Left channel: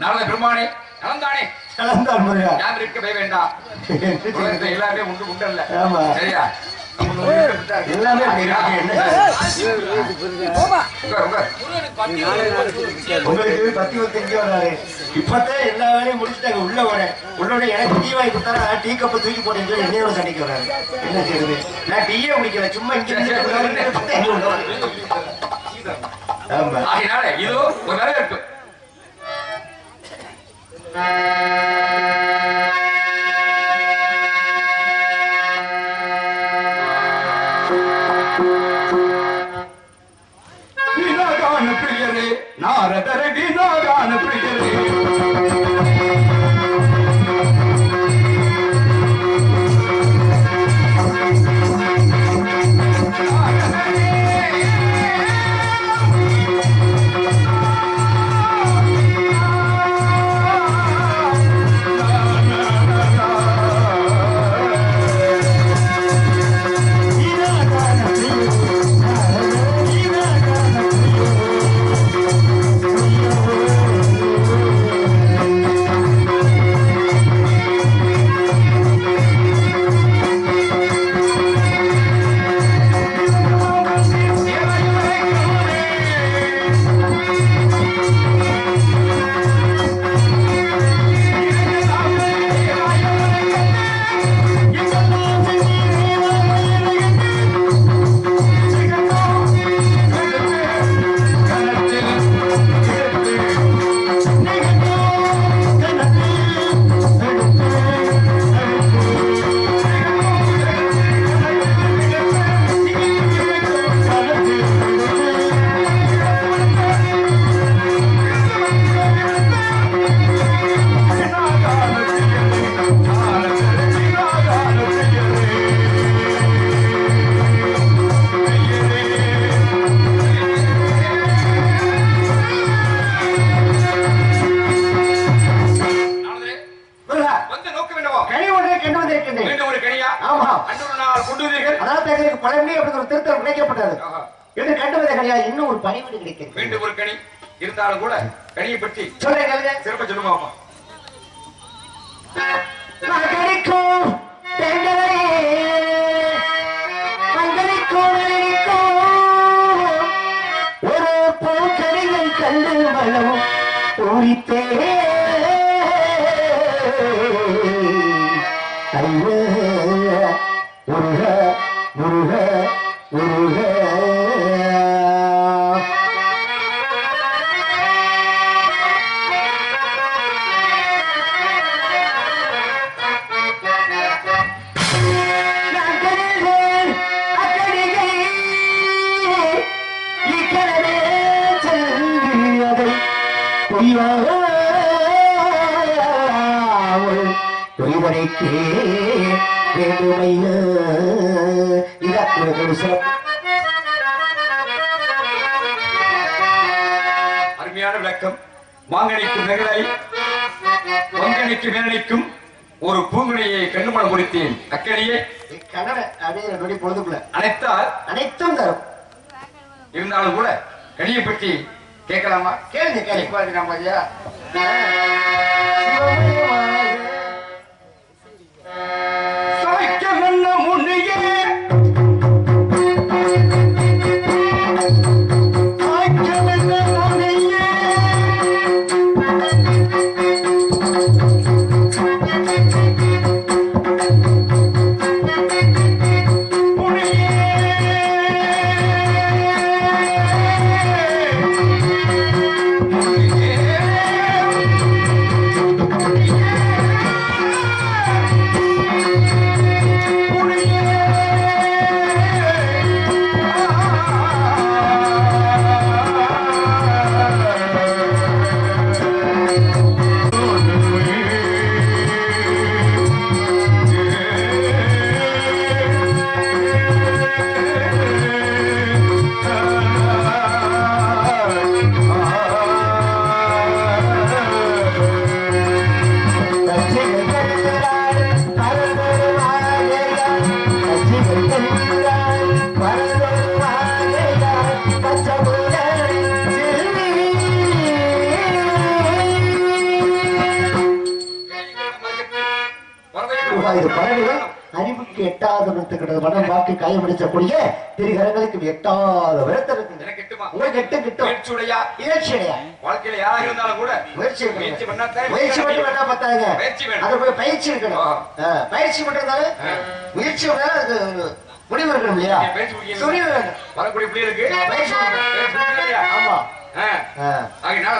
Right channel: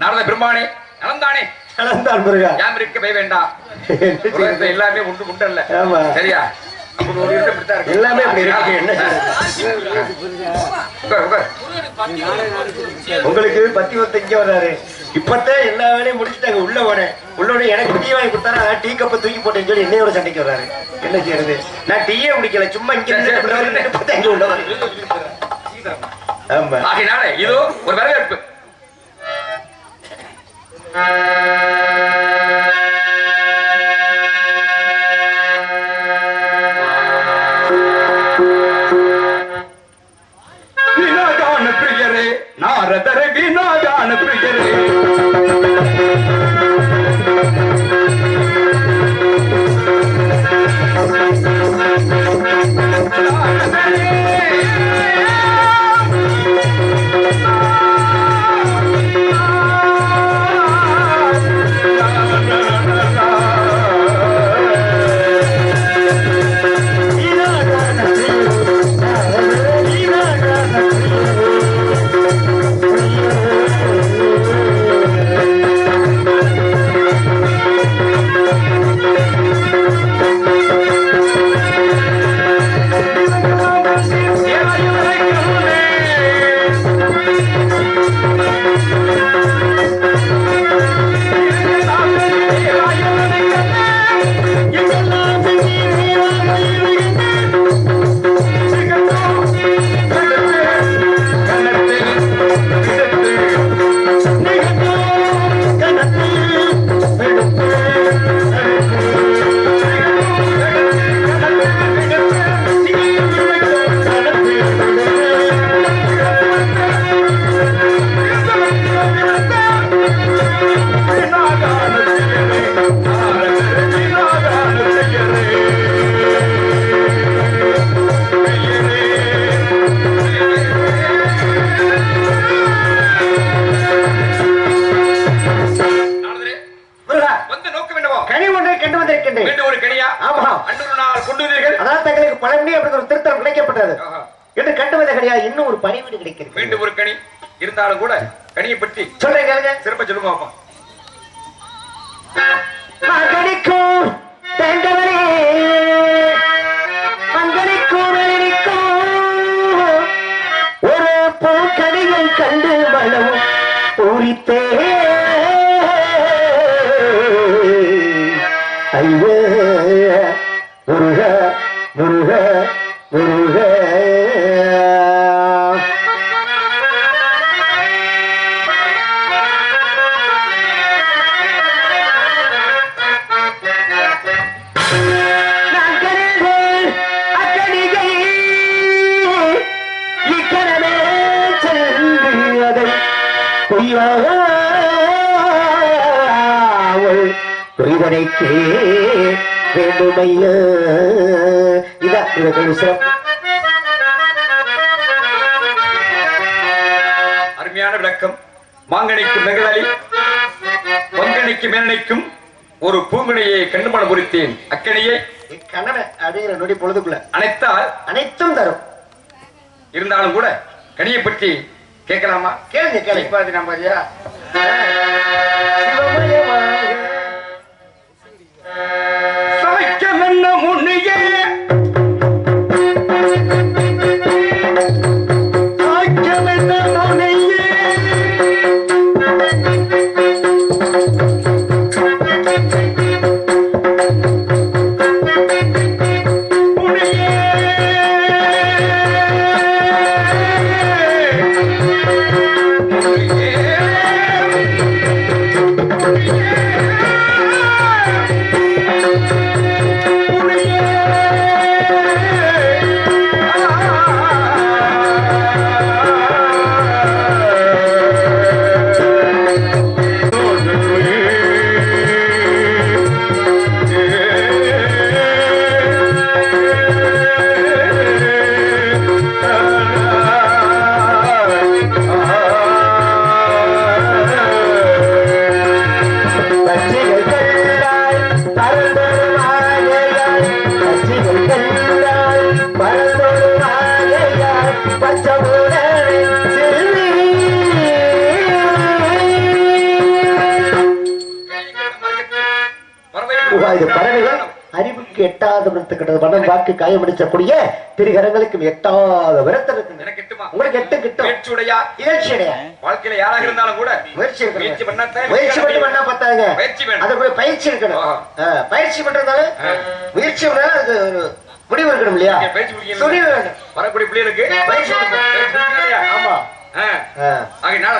நாரத பெருமானே நலந்தானே? நலந்தான் முருகா. யாம் இருக்க பய வேண்டாம். எல்லாமே உண்டு உண்டல்ல. ஆமா சரியா? எல்லாமே அப்படி இருக்கு. உங்களுக்கு பத்தி வந்து இங்க வர்றாரு. இப்பதான் எல்லா வேலையும் முடிச்சுட்டாங்க. உள்ளோட எனக்கு டீ வாங்கி கொடுத்தாரா டீ கப்ப தூக்கி போட்டேன்னு சொல்லி என்னையோட சண்டைக்கு வர்றாரு. என்ன செய்யறது? நான் டீயே குடிக்கல, சும்மா இங்க ஆமா. ஆகினால இதோ ஒரு வரவேற்பு. வினாகான பிரியரே, நாரதர வினாகான பிரியரே, இன்னும் ஒரு பணிவீடு கிடைக்கிறது. மீண்டும் ஒரு கனி இருந்தாலும் கூட கனியை பற்றி சொல்றேன், சிறப்ப சொல்லுமா? கணிக்கும் ஒரு பூக்கணியை கண்டு வளமும் பூரித்தே ஐய முருக முருக முருக. புரிவனைக்கே வேண்டுமைய அருமையான விளக்கம். மாங்கனிக்கும் நகரை பொங்கனிக்கும் மேலனைக்கும் ஒரு பூங்கனியை கண்டுமணம் குறித்தேன். அக்கனியே கண்ணனை அப்படிங்கிற நொடி பொழுதுக்குள்ள அனைத்தால் அனைத்தும் தரும். இருந்தாலும் கூட கனியை பற்றி கேட்கலாமா? கேளுங்க கேள்வி. நம்ம ஐயா சமைக்கம் என்ன முன்னையே இது பறவைகள் அறிவுக்கு எட்டாத விருத்துக்கிறது மனம் வாக்கு காயமடிச்சக்கூடிய திருகரங்களுக்கு எட்டாத விருத்தம் உங்களுக்கு எட்டு கிட்டும் வாழ்க்கையில யாராக இருந்தாலும் கூட முயற்சி மட்டும் பண்ணா பார்த்தாங்க அதை போய் பயிற்சி இருக்கணும் பயிற்சி பண்றதால முயற்சி அதுக்கு ஒரு முடிவு இருக்கணும் இல்லையா துணிவு வேண்டும் வரக்கூடிய பிள்ளைகளுக்கு பயிற்சி ஆமா ஆகினால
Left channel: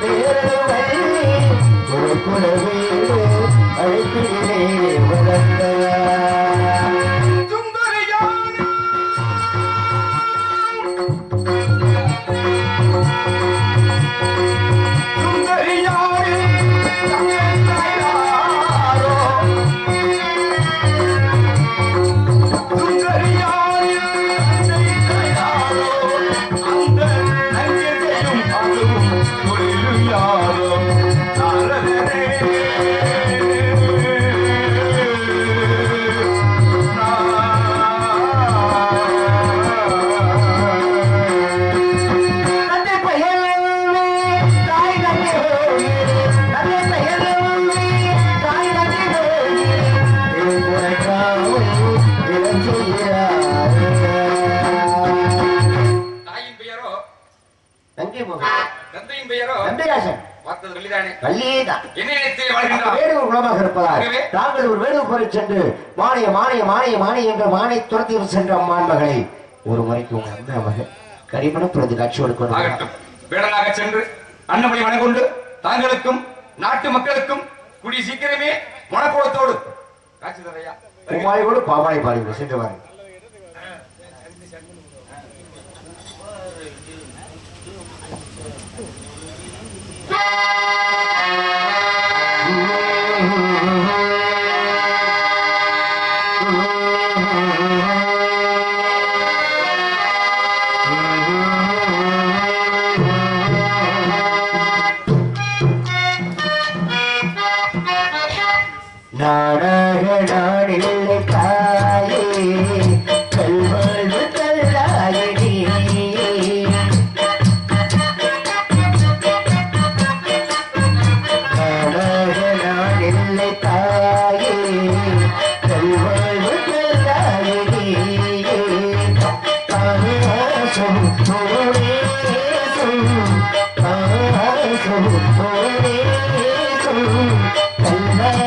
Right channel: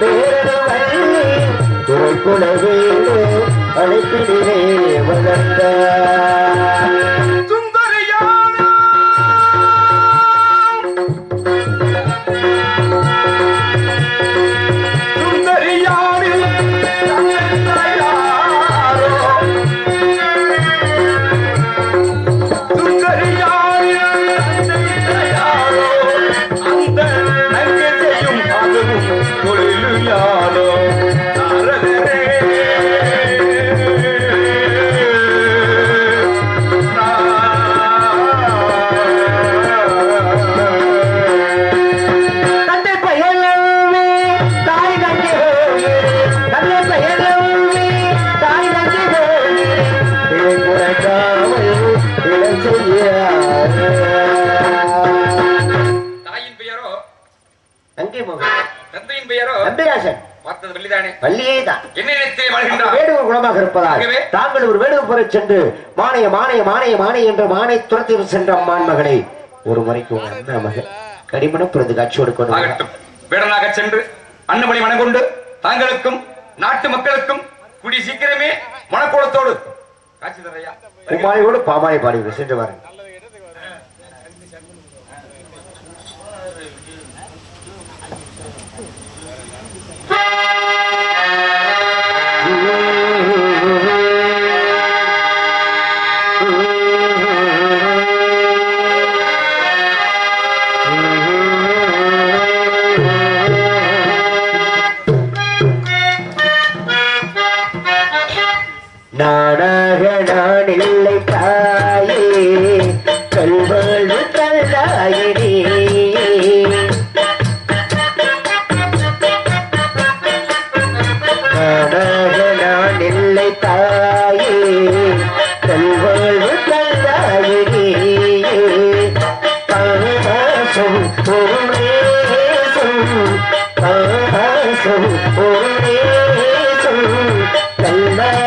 பேரது அங்கே மோகன். தந்தையின் பெயரோ நம்பிராசன். பார்த்தது வள்ளிதானே? வள்ளியே தான். என்ன நினைத்தே வாழ்கின்றார்? வேடுவர் குலமாக இருப்பதால் தாங்கள் ஒரு வேடுவர் புற சென்று மானைய மானைய மானைய மானை என்ற மானை துரத்தி சென்ற அம்மான் மகளை ஒரு முறைக்கு உங்க அண்ணா மகன் கடிமணப்புறது காட்சியோடு கொண்டு ஆகட்டும். வேடனாக சென்று அன்னமணி மனங்கொண்டு தாங்களுக்கும் நாட்டு மக்களுக்கும் குடி சீக்கிரமே மனக்கோலத்தோடு காட்சி தரையா குமாரியோடு பாமாலை பாடி சென்று வாருங்கள். நாடாக நான் இல்லை தாயே கல்வாழ்வு கல்லாயினே நாடாக நான் இல்லை தாயே கல்வாழ்வு கல்லாயினே பாசம் போரேசும் பாசம் போரேசும் கல்வாழ்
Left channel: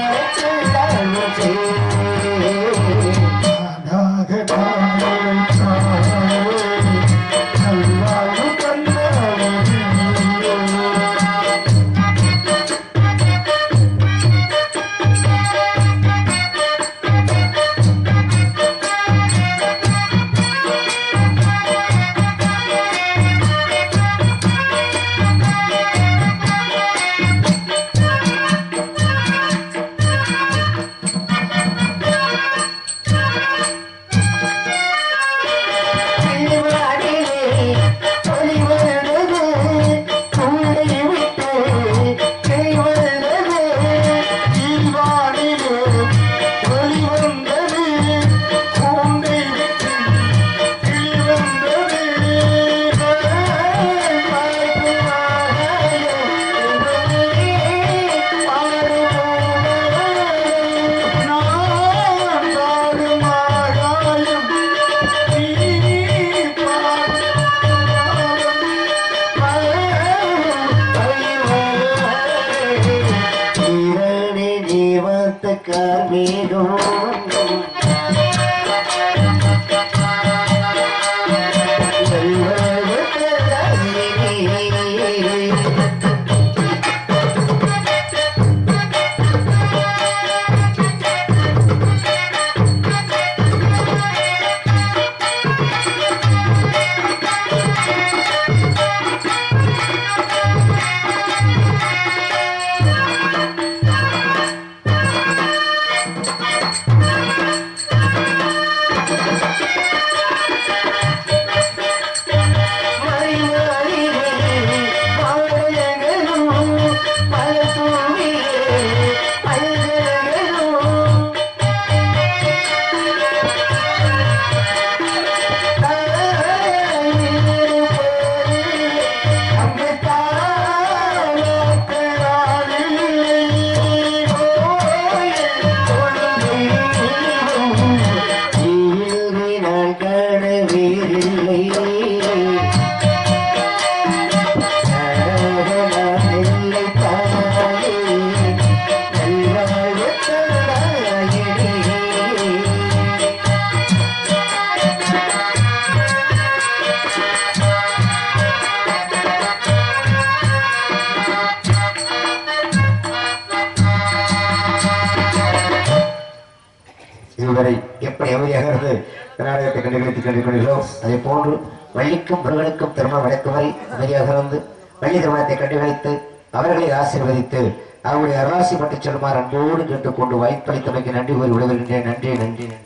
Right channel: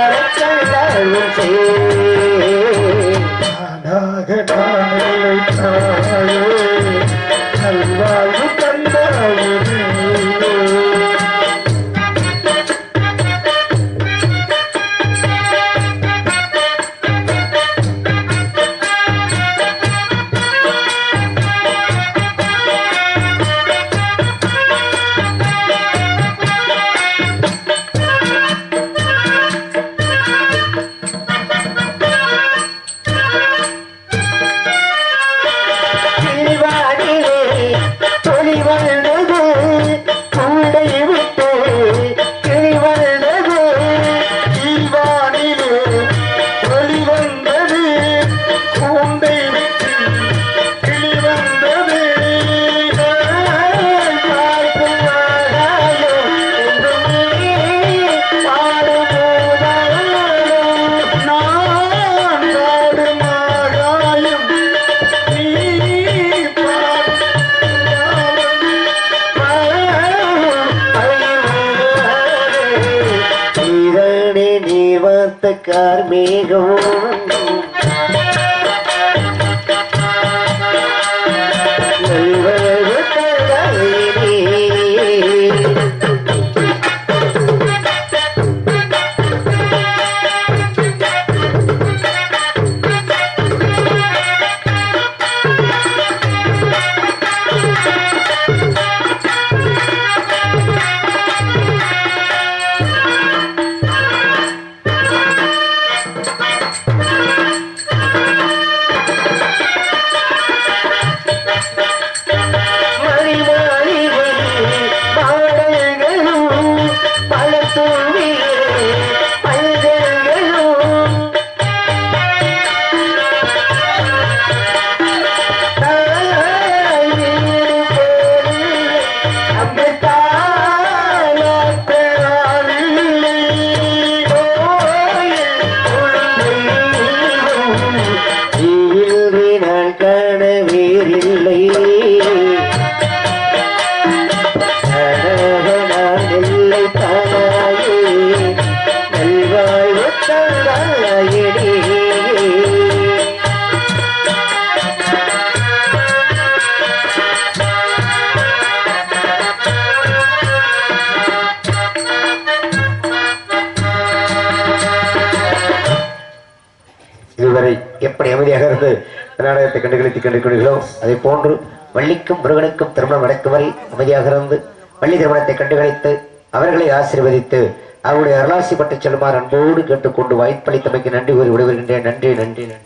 கார்மேகம் இதுவரை எப்படி அமைதியாக இருந்து நாடகத்தை கண்டுகளிக்கிறோம் அதே போன்று வள்ளிக்கும் முருகனுக்கும் திருமணம் நடக்கும் வரை அமைதியாக இருந்து வள்ளி திருமணத்தை கண்டுகளித்து அவர்களை ஆசீர்வதித்து அவருடைய அருளாசி பட்டு செல்லுமாறு அன்போடு கேட்டுக்கொண்டு வாய்ப்பளித்தமைக்கு நன்றி கூறி விடுவிக்கின்றேன். நன்றி நன்றி நன்றி.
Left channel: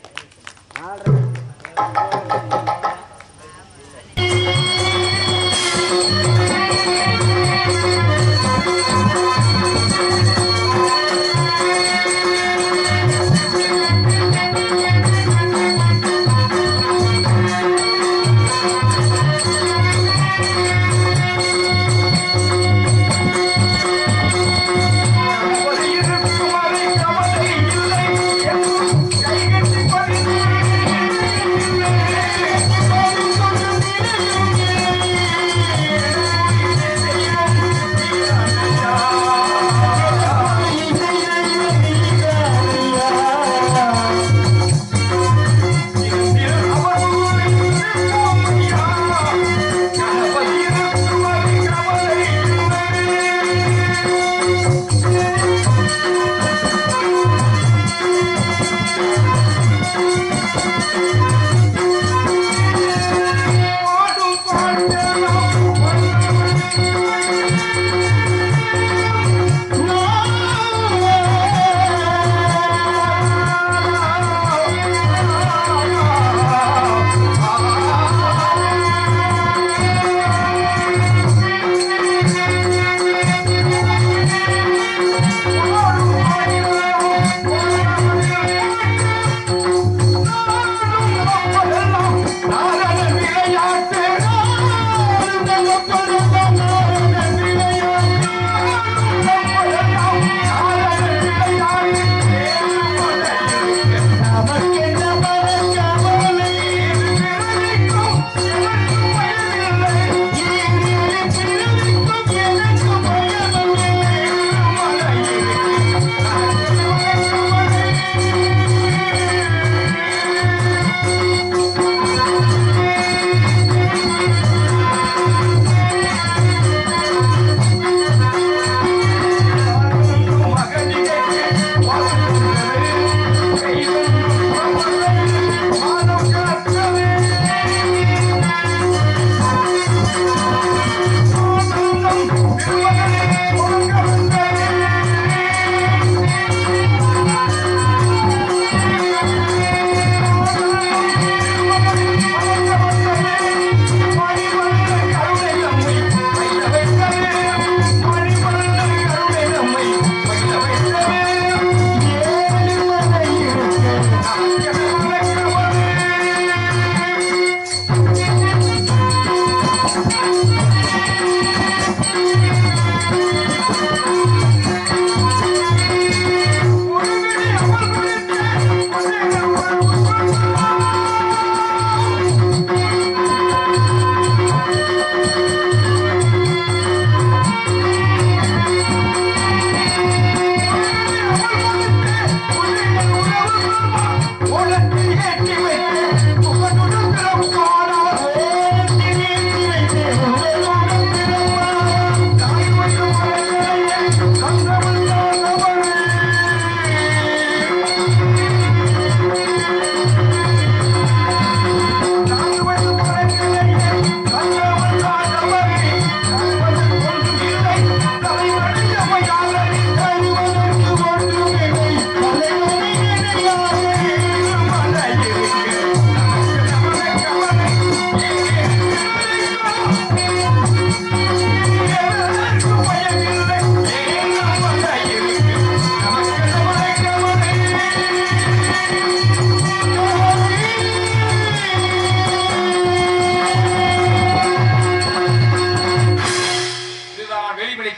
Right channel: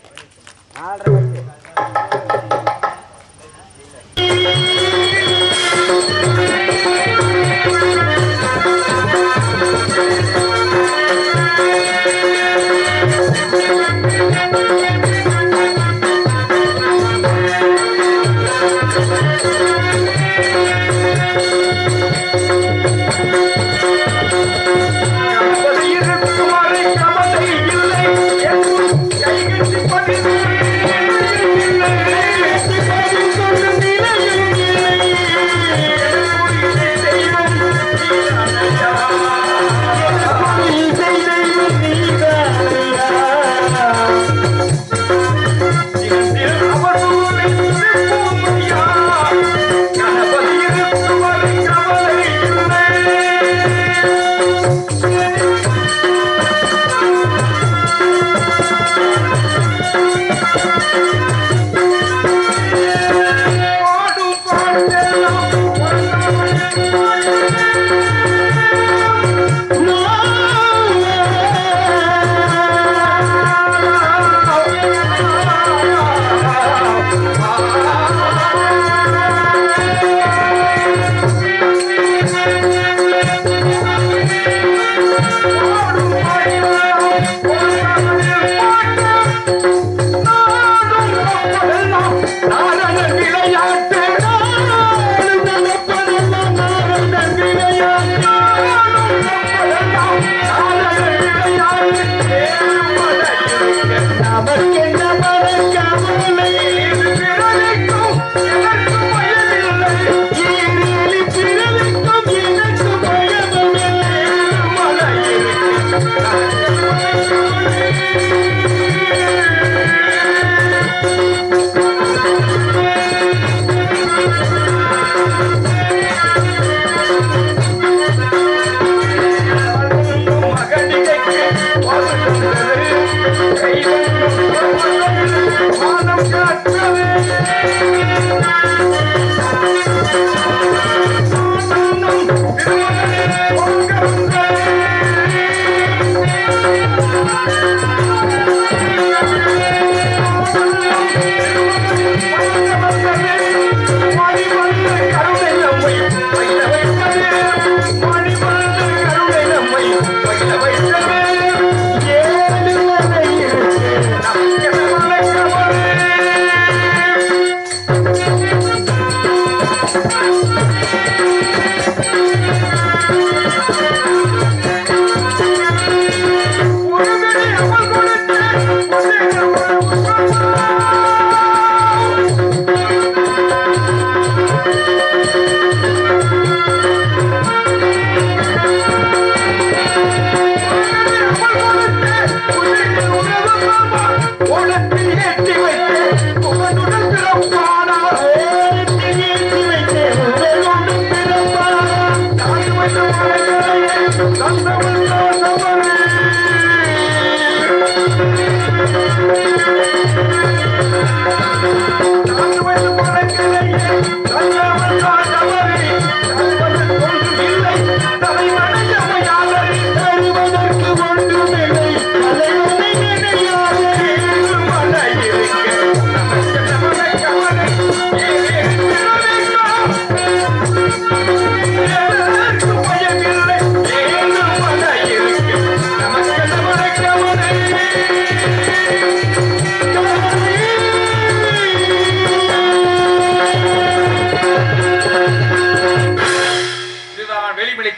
கமலை இல்லை கை கட்டி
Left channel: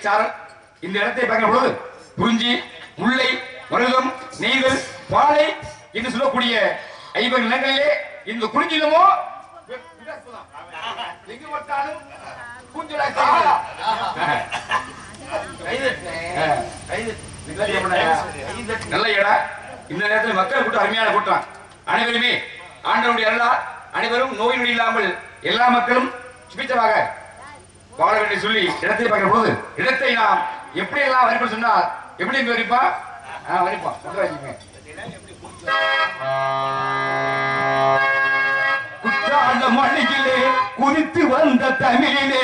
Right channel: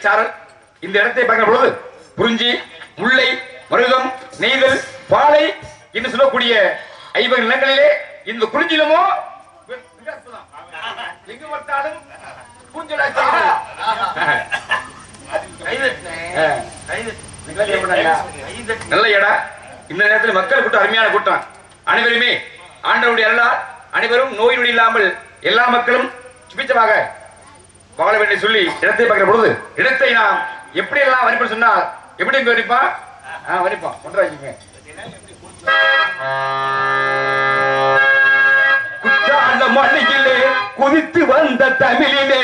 சாரல் இந்த இடத்தை பார்க்கிற பொழுது குறிஞ்சி, முல்லை, மருதம், நெய்தல், பாலை என்று சொல்லக்கூடிய 50 நிலங்களிலே இந்த குறிஞ்சிலமோ எங்கு பார்த்தாலும் நல்ல இடம். இந்த நேரத்தில் மக்கள் கூட்டம் அருமையான கூட்டம். அனைவருமே ஆண்டவருடைய அருளால் அனைவரும் நோய் நொடி இல்லாமல் எல்லா மக்களும் சுபிச்சமாக வாழ வேண்டும் சொல்லி இடத்தை பார்க்கிற பொழுது இடத்தை நாம் எப்படி எல்லாம் வரிப்போம் சொன்னால் எப்படி இங்க வரிப்போம் வரிப்போம் குற்றால மண்ணிலே குதித்து வந்த தமிழிலே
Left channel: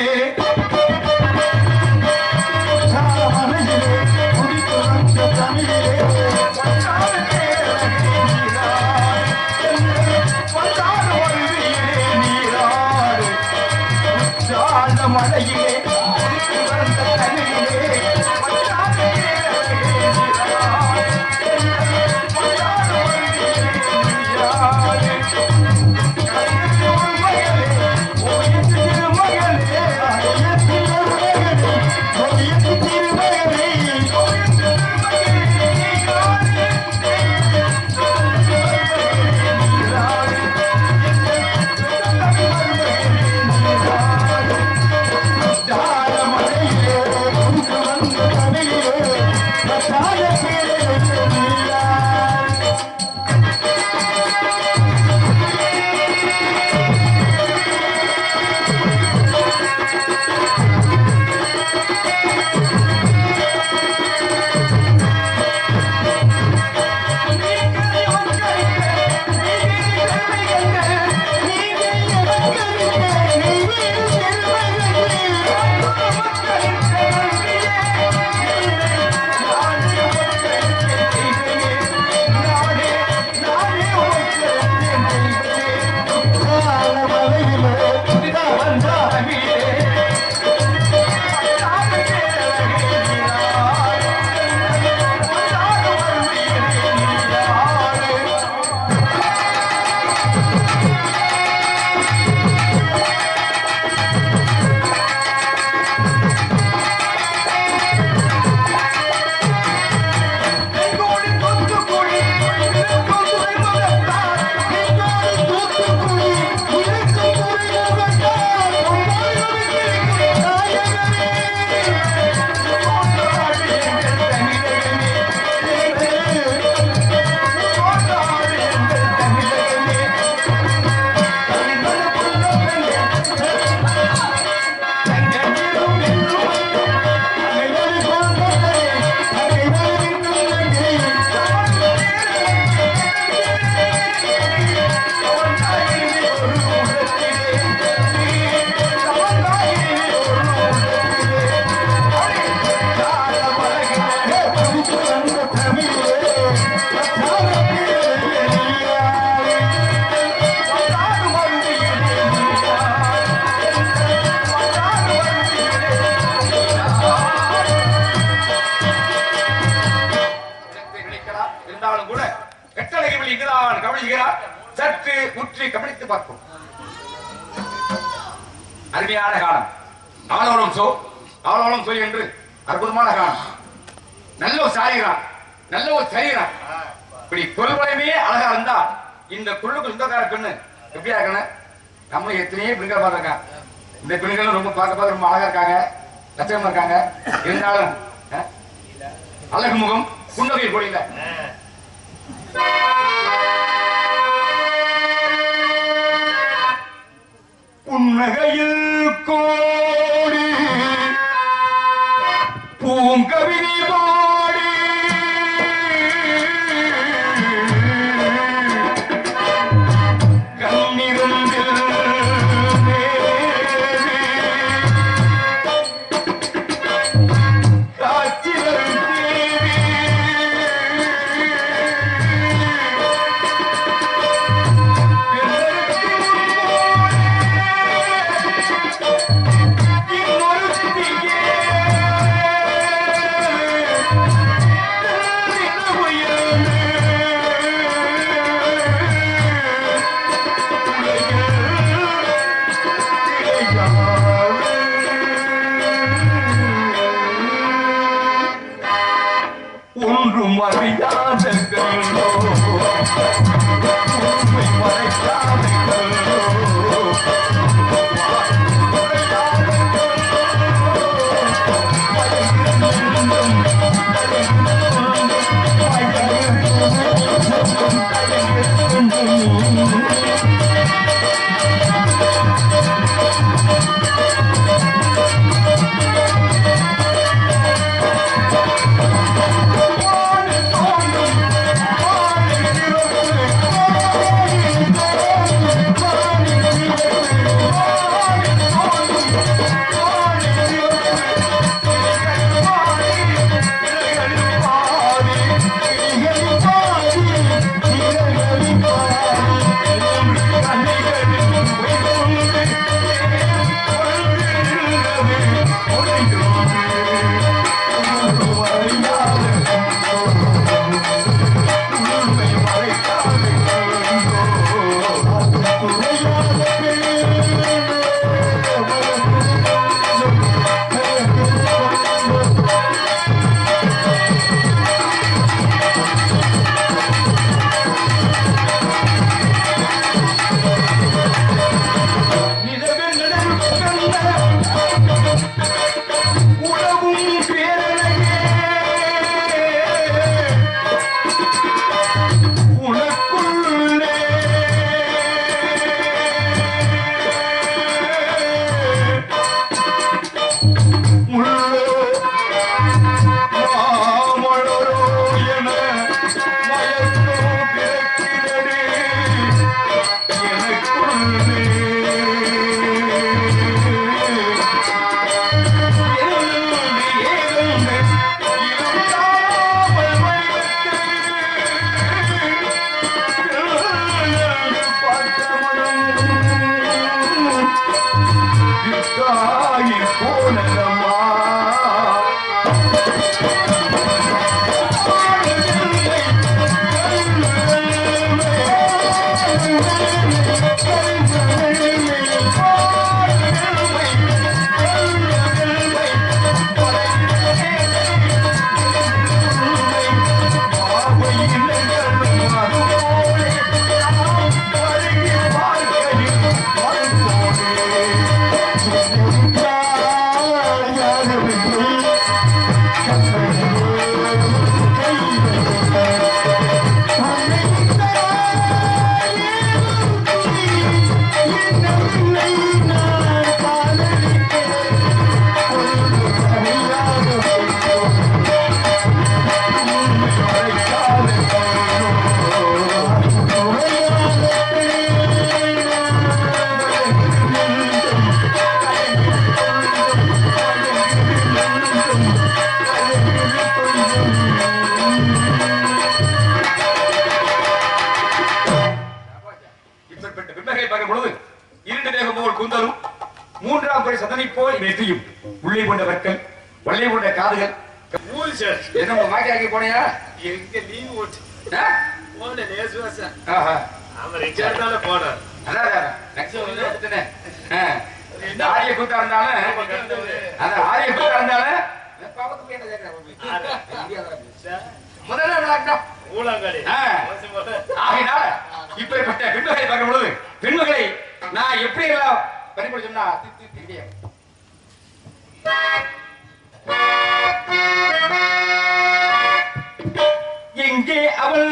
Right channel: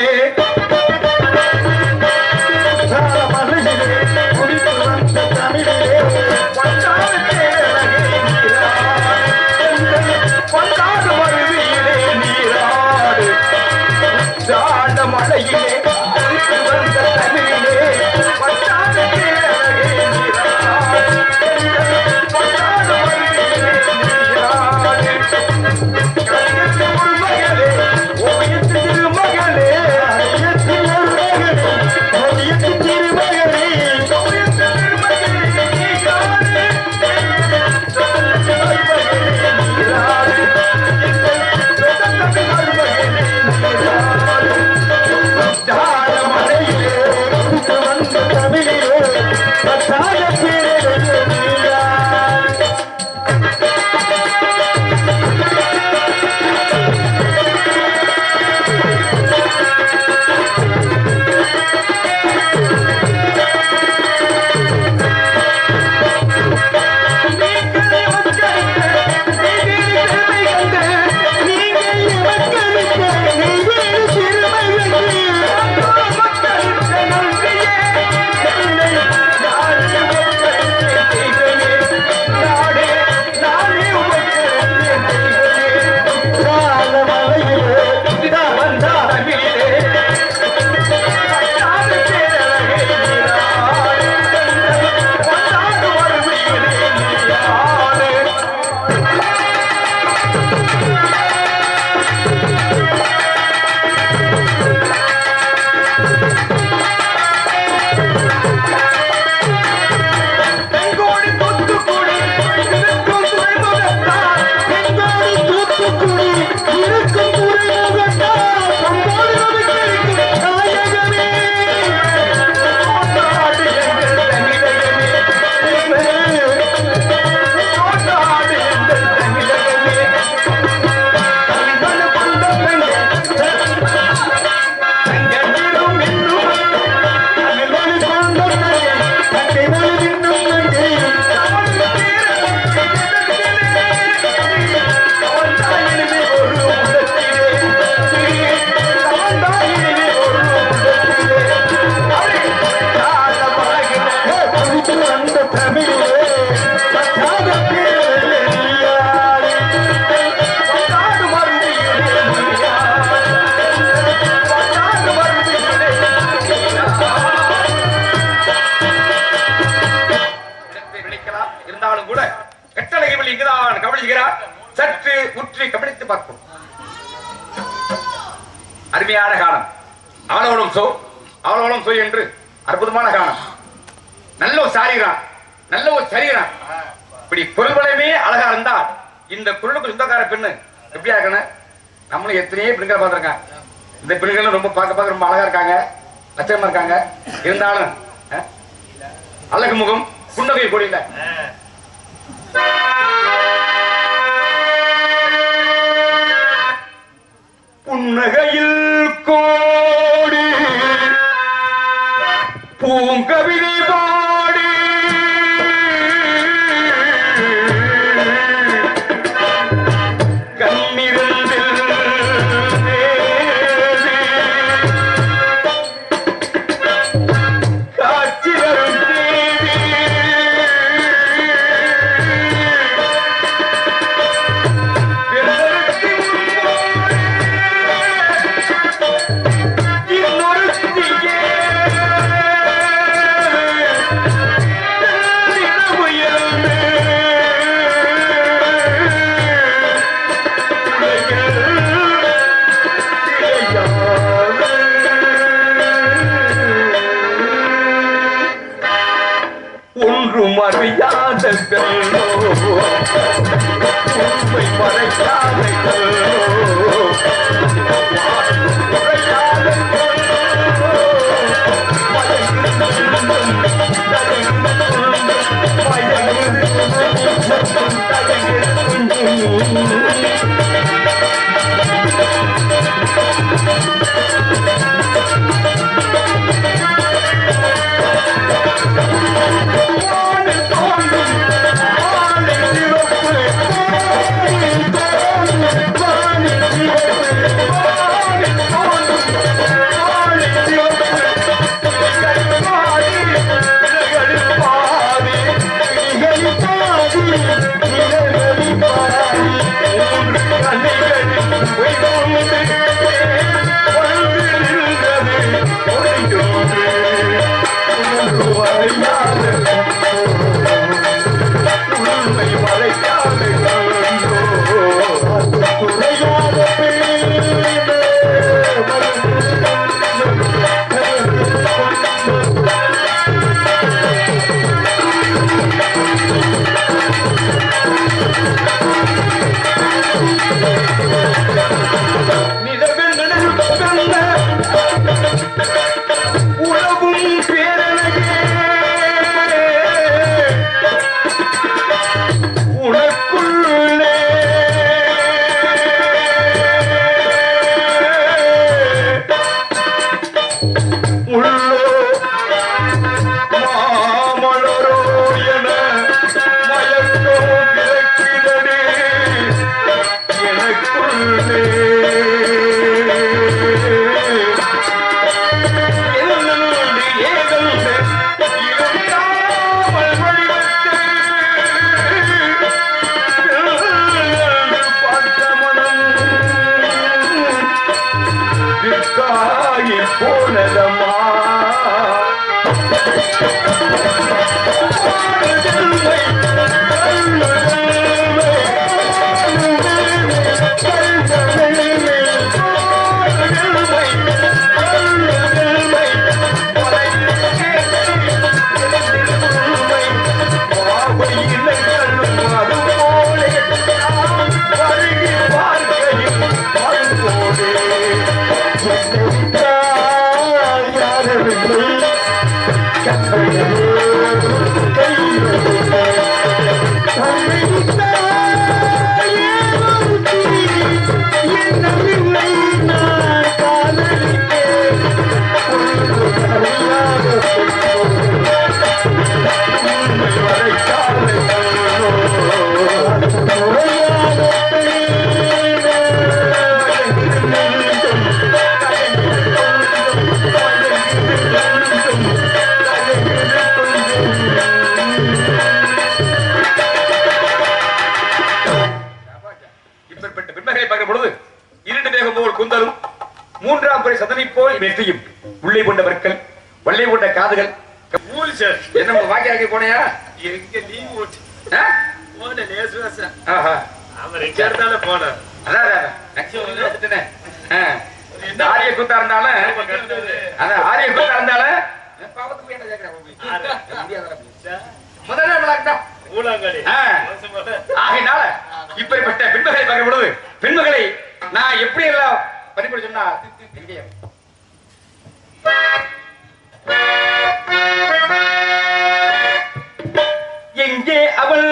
சற்று உற்றி கவனித்து பார்ப்போம். அருமையான காலம். அவளோடும் சோ என்று அற்புதமான காலம். நல்ல ஒரு சாரீரம், நல்ல ஒரு சரீரம். இப்படி பொருள்வளமே அழகா இருந்தா இந்த பொருளுக்கு சொந்தக்கார பெண்ணு எப்படியா இருக்கணும்? நம்மளும் எத்தனையோ பெண்கள் பார்த்திருக்காங்க. இந்த பெண்கள் ரொம்ப பார்க்க ரொம்ப அழகா இருக்காங்க, லட்சமா இருக்காங்க. இருந்தாலும் அழகு முகம் புன்னகை கொடியில புன்னகையில் கோடி பூங்கவிதை பாடி கண்ணிரண்டில் காட்சி வரும் தேவி ஒன்றும் அறியாத கண்ணோ உண்மை மறைக்காத கண்ணோ குந்தலும் மூன்றாம் படை சதனை போல் வெற்றியும் உள்ளே கொண்ட வர்க்கம் வள்ளை கொண்ட காதுகள் என்ன வாக்கி போனையா எங்க லீவ் ஓட்டு போன நேசுவாசா அவன் ரிச்சார்டால போன ஆரிய கூத்தா இருந்தாலும் அதான் ஆரிய கூத்தா இருந்தாலும் ஆகினால இப்படிப்பட்ட பெண்மகளை பார்க்கும் பொழுது பெண்மகளை நான் எப்படி எல்லாம் பறிப்பட சொன்னா எங்கே அவள்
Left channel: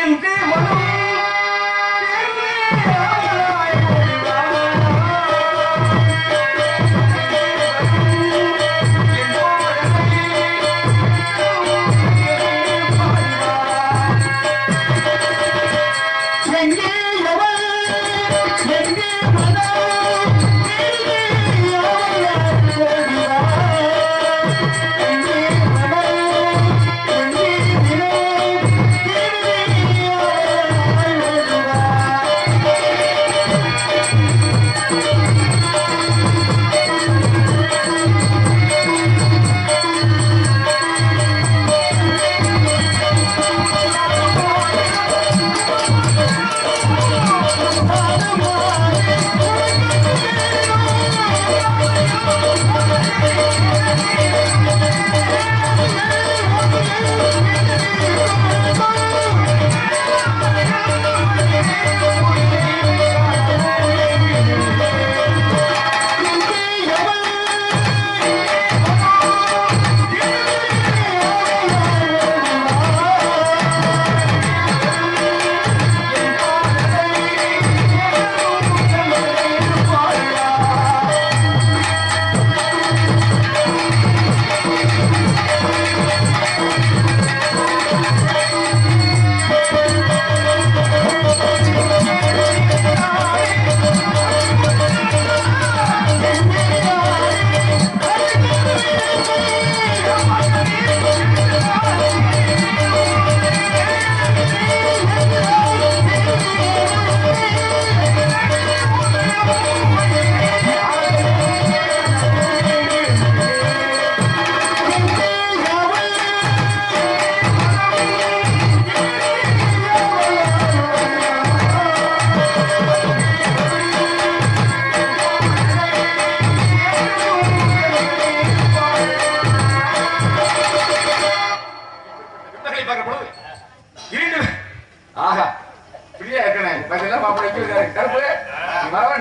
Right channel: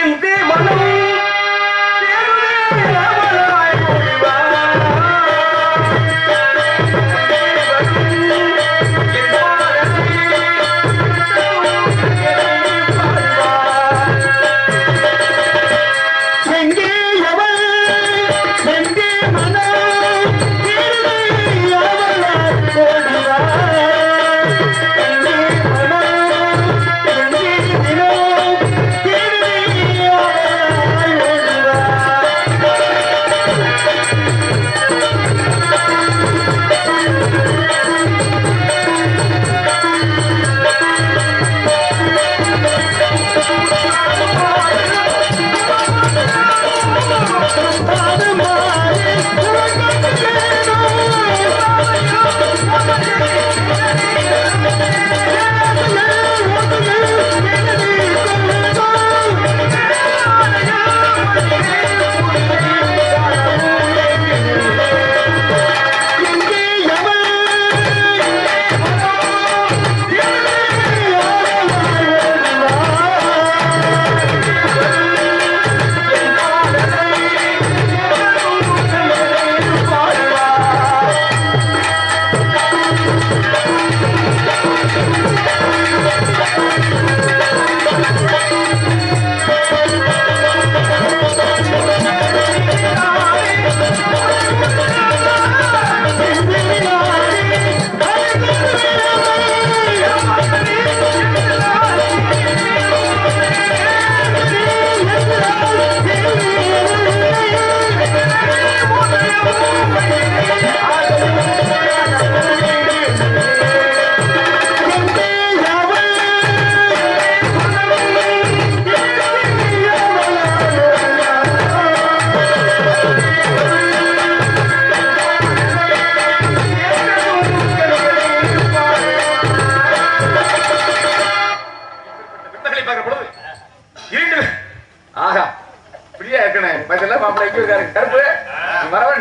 என்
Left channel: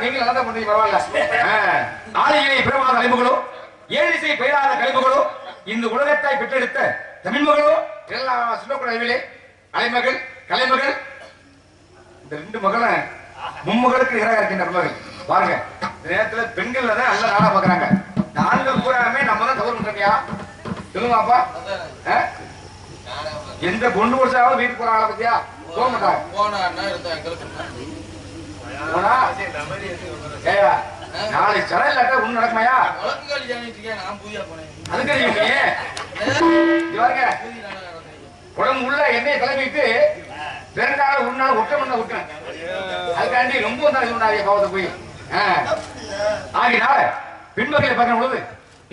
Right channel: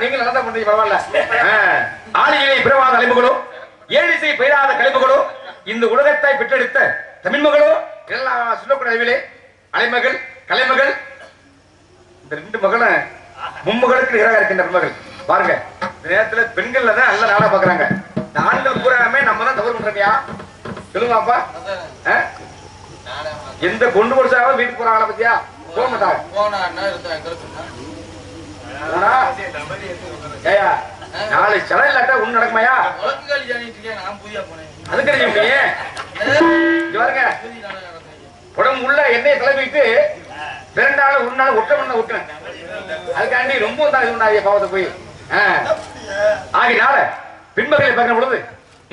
நீங்க நல்லா பண்றீங்க பரவாயில்ல. ஆளிகளை பிறவாத அலைவுகளோ ஏழிசை பெயராத கழிவுகளோ இந்த உலகத்தாய் பெற்றெடுத்த தமிழ் மகளோ எல்லாம் சொல்லக்கூடிய அளவிலே அலைமகள் கலைமகள் இந்த 2 மகளும் மும்மகளுக்கு நிகராக இருக்கின்ற மகள் பாருங்க. இந்த நேரத்துல பெண்கள்ல தான் நல்ல நாடா பாக்குறாங்க. இந்த ஆண்கள் பூராமே நம்ம தான் தவறு பண்றோம்யா. சொல்லுவாப்பா எந்த பொண்ணு கொடுத்தாலும் வீட்டுக்கு போறாங்களா பத்தியா போக மாட்டாங்க. போனா ஏயா நாளை சிலை இல்லாட்டா ஒண்ணு நடக்குமாயா? அதுக்கு பாருங்க உடம்பு உள்ள எண்ணெயை கிளம்பிட்டு 2 நாள் 1 நாள் ஒட்ட மண்ண விட்டேன். அதுக்காண்டி ரொம்ப தான் பாவத்தை போய் ஆகினால பின்பகலை பார்க்கும் பொழுது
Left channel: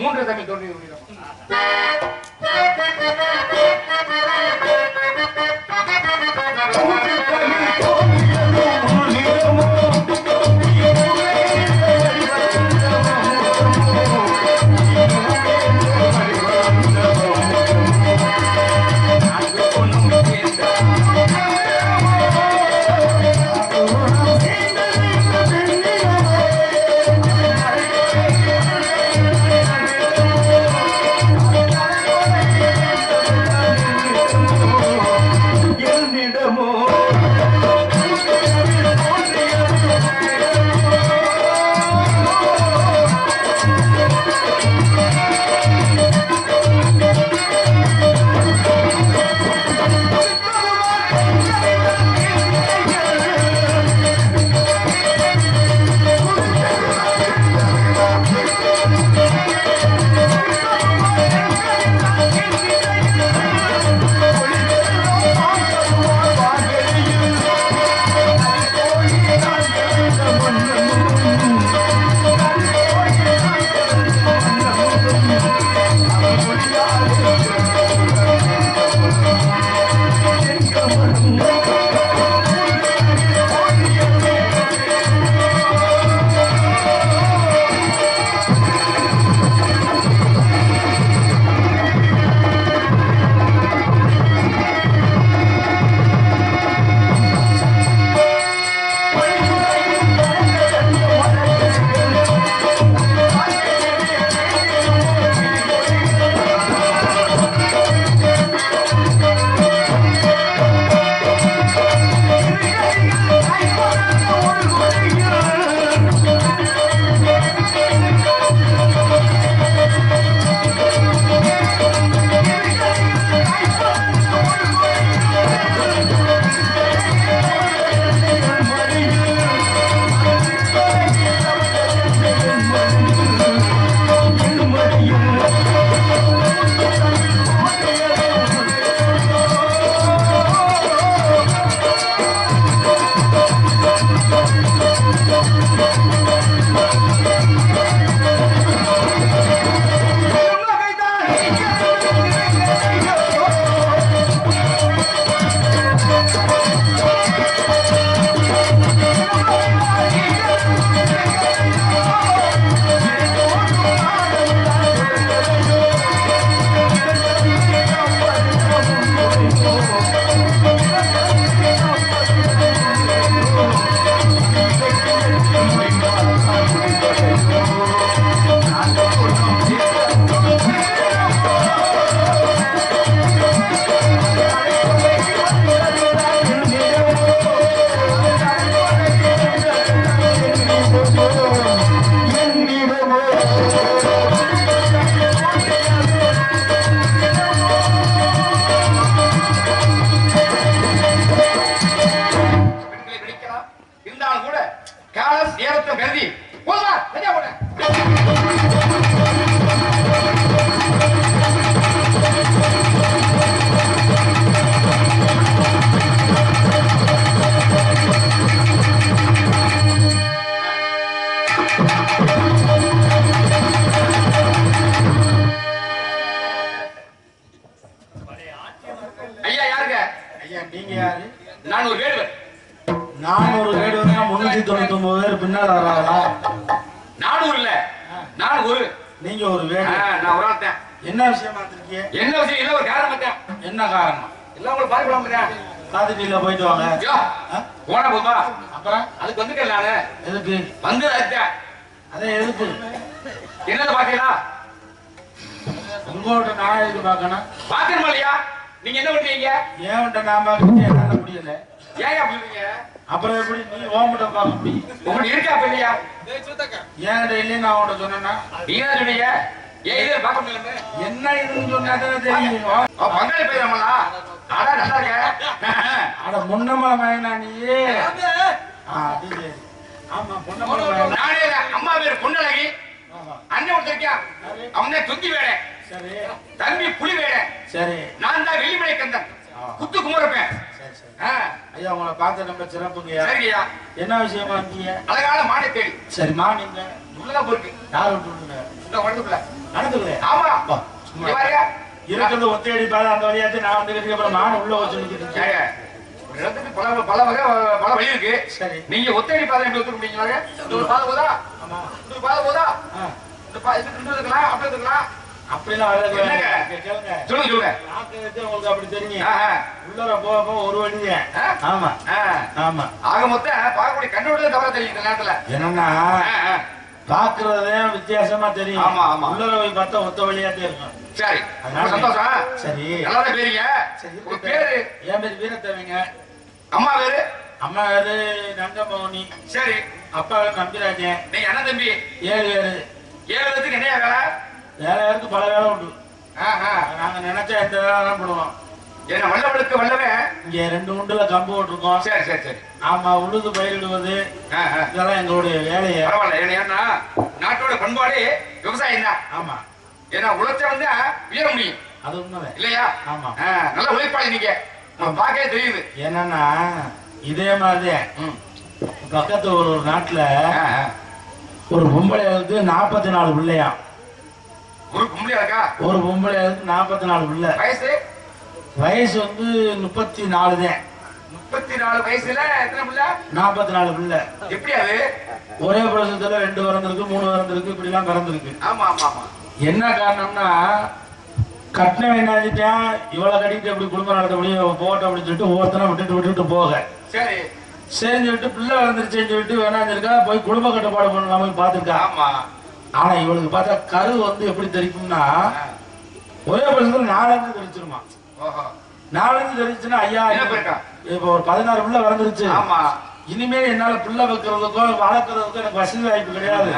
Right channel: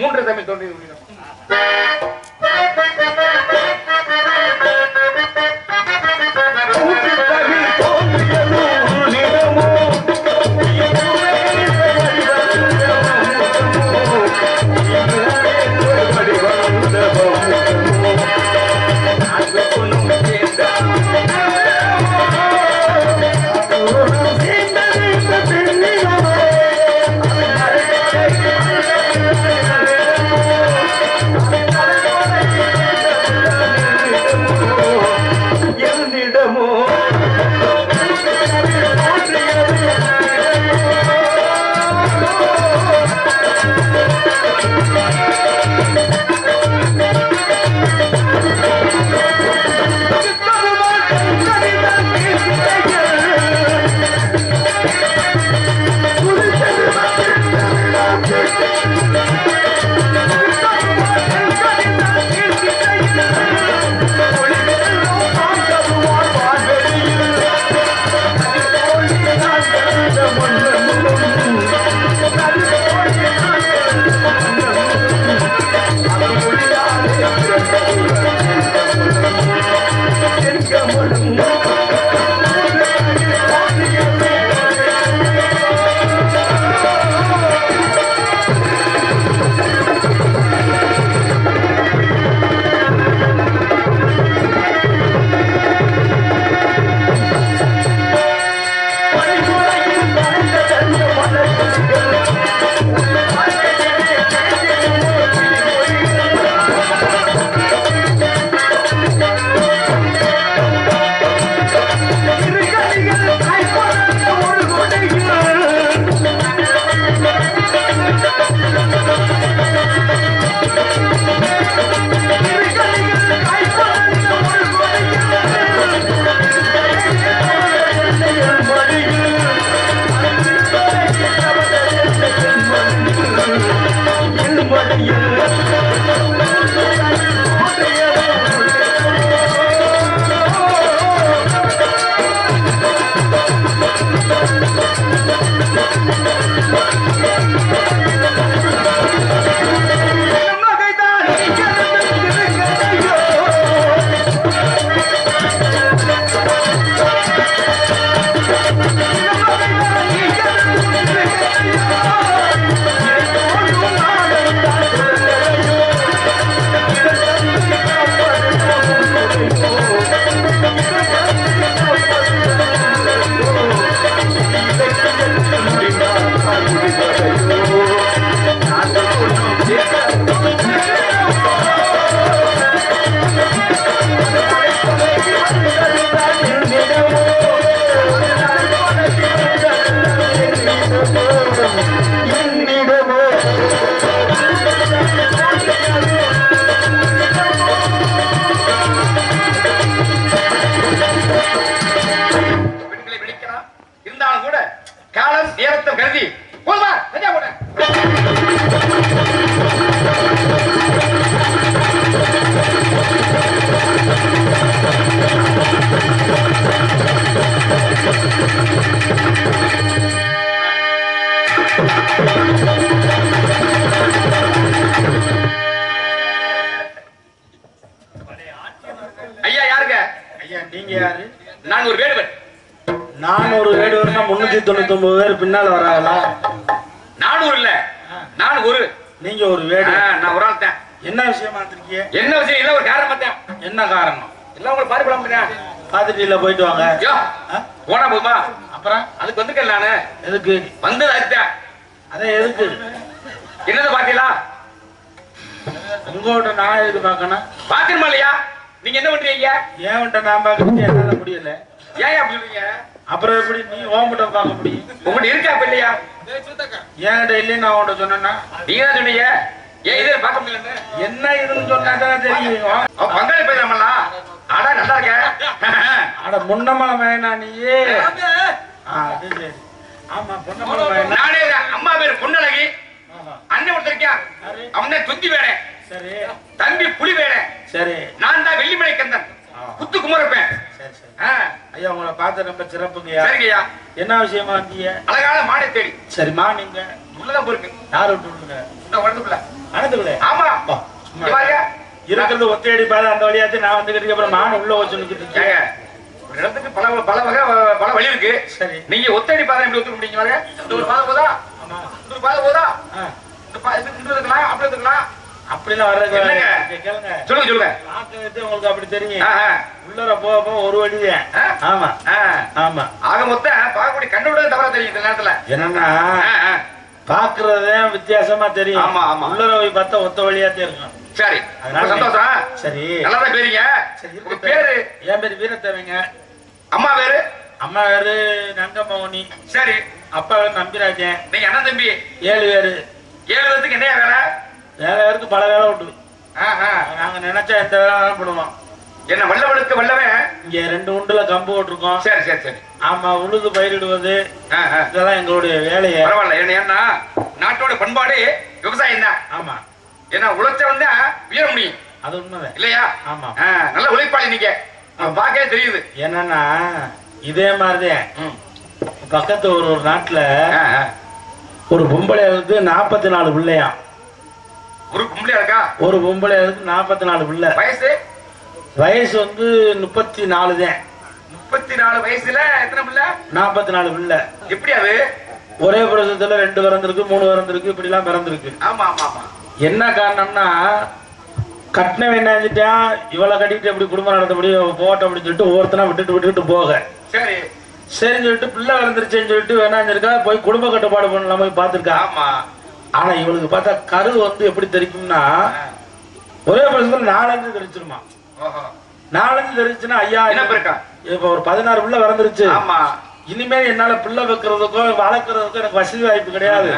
3 தமிழ் தோன்றி நான் ஒரு வேடுவர். நான் ஒரு வேடுவர்னா 399 பேர் பின்னால வராங்களா? 400 இல்ல, நான் ஒரு. நீங்க ஒரு வேடு, நான் ஒரு ஆள் தான். என்ன விஷயமா இருக்கீங்க? என்ன விஷயம் இல்ல, ஒரு காரணம் தான். என்ன காரணம்? எல்லாம் உங்களுக்கு பாத்து போலாம். பாத்துட்டு இல்ல போயிட்டு வாங்க. போனா போதுமா? அப்புறம் அதுக்கு வந்துக்கல நானு. எதுக்கு வந்து அதுதான். அதான் எதுக்கு என்னது பாத்தீங்களா? உங்கள்கிட்ட நான் எதுக்கு பார்க்கணும்? பாக்கணுமா இல்லையா? நீங்க என்ன பண்றீங்க? ஏன்கிட்ட நான் பார்க்கறது என்னால முடியல. ஏன் அப்படி சொல்றீங்க? அப்புறம் எப்படி நீ ஓம்பிட்ட பார்க்க முடியும்? உங்கள்ட்ட இருக்கா அப்ப இல்லையா? ஏன்கிட்ட இல்லையே நான் உன்கிட்ட சொன்னேன்னா நீங்க தான் சொன்னீங்க. ஏன் இதை பார்க்க முடியல? என்ன இதுன்னு சொன்னாதான் தெரியும். பங்காளி போயிடலாமல்ல? ஆடா நல்லா இருக்க. அட முன்னமா வேணா நீயே. அது சரி. ஆமா பொன்னமா வேணா. நானே அம்மா பேரு பொன்னழகி. அண்ணன் ஒருத்தர் இருக்கியா? அவனே துந்தி வேட. சரி. தம்பி புலி வேட. சரி. நான் தான் வெள்ளிமலை கந்தன். குத்து குமரப்பேன். சரி சரி. ஐயா உங்களை பார்த்து ரொம்ப சிறப்புங்கய்யா. சரிங்கய்யா. என்ன விஷயமா வந்தீங்க? அழகான மாடை தேடி. சரிம்மா நீங்க உள்ளதான் போயிருக்கு. யார் விட்டுருங்க? இந்த வரதுக்குள்ள. நடந்துக்கல. ஆமா. சும்மா பாருங்க. இருக்கிறது ஒத்தையடி பாதை அந்த வழியாத்து நான் வந்துக்கிட்டு அப்புறம் நான் உள்ள வச்சு நிக்கிட்டு. ஏங்க ஒரு இடத்துக்கு பல வகை பல வழி இருக்கு. சரி. நீங்க ஒத்தடி பாதை எப்படி ஒத்துக்க முடியுங்க? இந்த ஒரு பாதை போதா? ஆமா. இந்த ஒரு பாதை போதா? இந்த பாதை இருக்கலாம் அப்படி இருக்கலாம். அப்படிலாம் வர்றது என்னங்க? கேளுங்க. சொல்லுங்க சொல்லுங்க. பார்க்கறது உங்களுக்கு அப்படி தெரியும். உள்ளர போக போக ஒரு வழிதான். ஆமா ஆமா. ஆக மொத்தம் பார்க்கக்கூடிய கண்ணோட தவற தெரியும் இந்த நேரத்துல. என்னன்னா பாக்குறதே வித்தியாசமா தெரியும். ஆமா ஆமா. உள்ளர போய் பார்த்தா ஒத்த வழியாத்தே இருக்கும். சரி. அதனால சந்தோஷம். சரி. நல்லா பேருங்க. உங்க பேரு? என் பேரு வீரத்தேவங்க. அம்மா பேரு? அம்மா பேரு நங்கமோனி. சரி. அப்பா பேரு நம்பிராஜன். நீங்க அண்ணன் தம்பி? 7 பேரு. 7 பேருக்கு என்ன வேலை? வேலை பேருக்கு பல வேலை உண்டு. நாங்க நினைச்சா எந்த வேலை பண்ணுவோம். என்ன வல்லவனுக்கு வல்லவே? இங்க 2 உண்டுல கம்பு போட்டிருக்கோம். சரி சரி சரி. ஆமா உழுது பயிரிடுவது இதெல்லாம் எங்களுடைய வேலையை. பரவாயில்ல. ஏன்னா நாட்டோட பண்பாடு விவசாயம் தான். ஆமா. ஏன்னா உழைச்சவன் தான் உயர முடியும். அது உண்மைதான் இல்லையா? ஆமா. நல்ல உழைப்பாளி நீங்க. பாக்கவே தெரியுது. என்னன்னா இதே மாதிரிதான் பக்கத்து ஒரு நாட்டுல ஒரு பொம்பளை 44 பிள்ளையா. ஒரு பொம்பளையா இருக்கா? ஒரு பொம்பளை 44 பிள்ளை. வயசு? வயசு 34 தான். 34 வயசுல எத்தனை பிள்ளை? 44 பிள்ளை. எப்படி அது? ஒரே பிரசவத்துல 2 பிறந்திருக்கு 3 பிறந்திருக்கு இப்படி எல்லாம் பிறந்திருக்கு. ஆமா ஆமா ஆமா. என்ன காரணம்னா கட்டினம் என்ன செஞ்சுட்டான் இவளை கட்டிட்டு எப்படி குடும்பம் நடத்த முடியும் போட்டோம் அப்படின்னு சொல்லிட்டு ஒவ்வொருத்தனா விட்டுட்டு போக. சரி சரின்னு சொல்லிட்டு பிள்ளை வளர்ந்துருச்சேன்னு சொல்லிட்டு வேணாஞ்சிருக்கா போய் குடும்ப கட்டுப்பாடு பண்ணலாம் போய் பார்த்துருக்கா. ஆமா. ஆனா இவளுக்கு பார்த்தா கரு எப்படி தெரிக்கும்னா ஒரே வருஷத்துல 4 தெரிச்சிருமா. 4 தெரிச்சுன்னா ஐயா இப்ப ஒரு 16 பிள்ளை வளர்ந்துருச்சு. ஆமா. இனிமேல் என்னால பிள்ளை வைக்கிறதுக்கோ வளர்க்கறதுக்கோ எனக்கு வசதி வாய்ப்பு கிடையாது.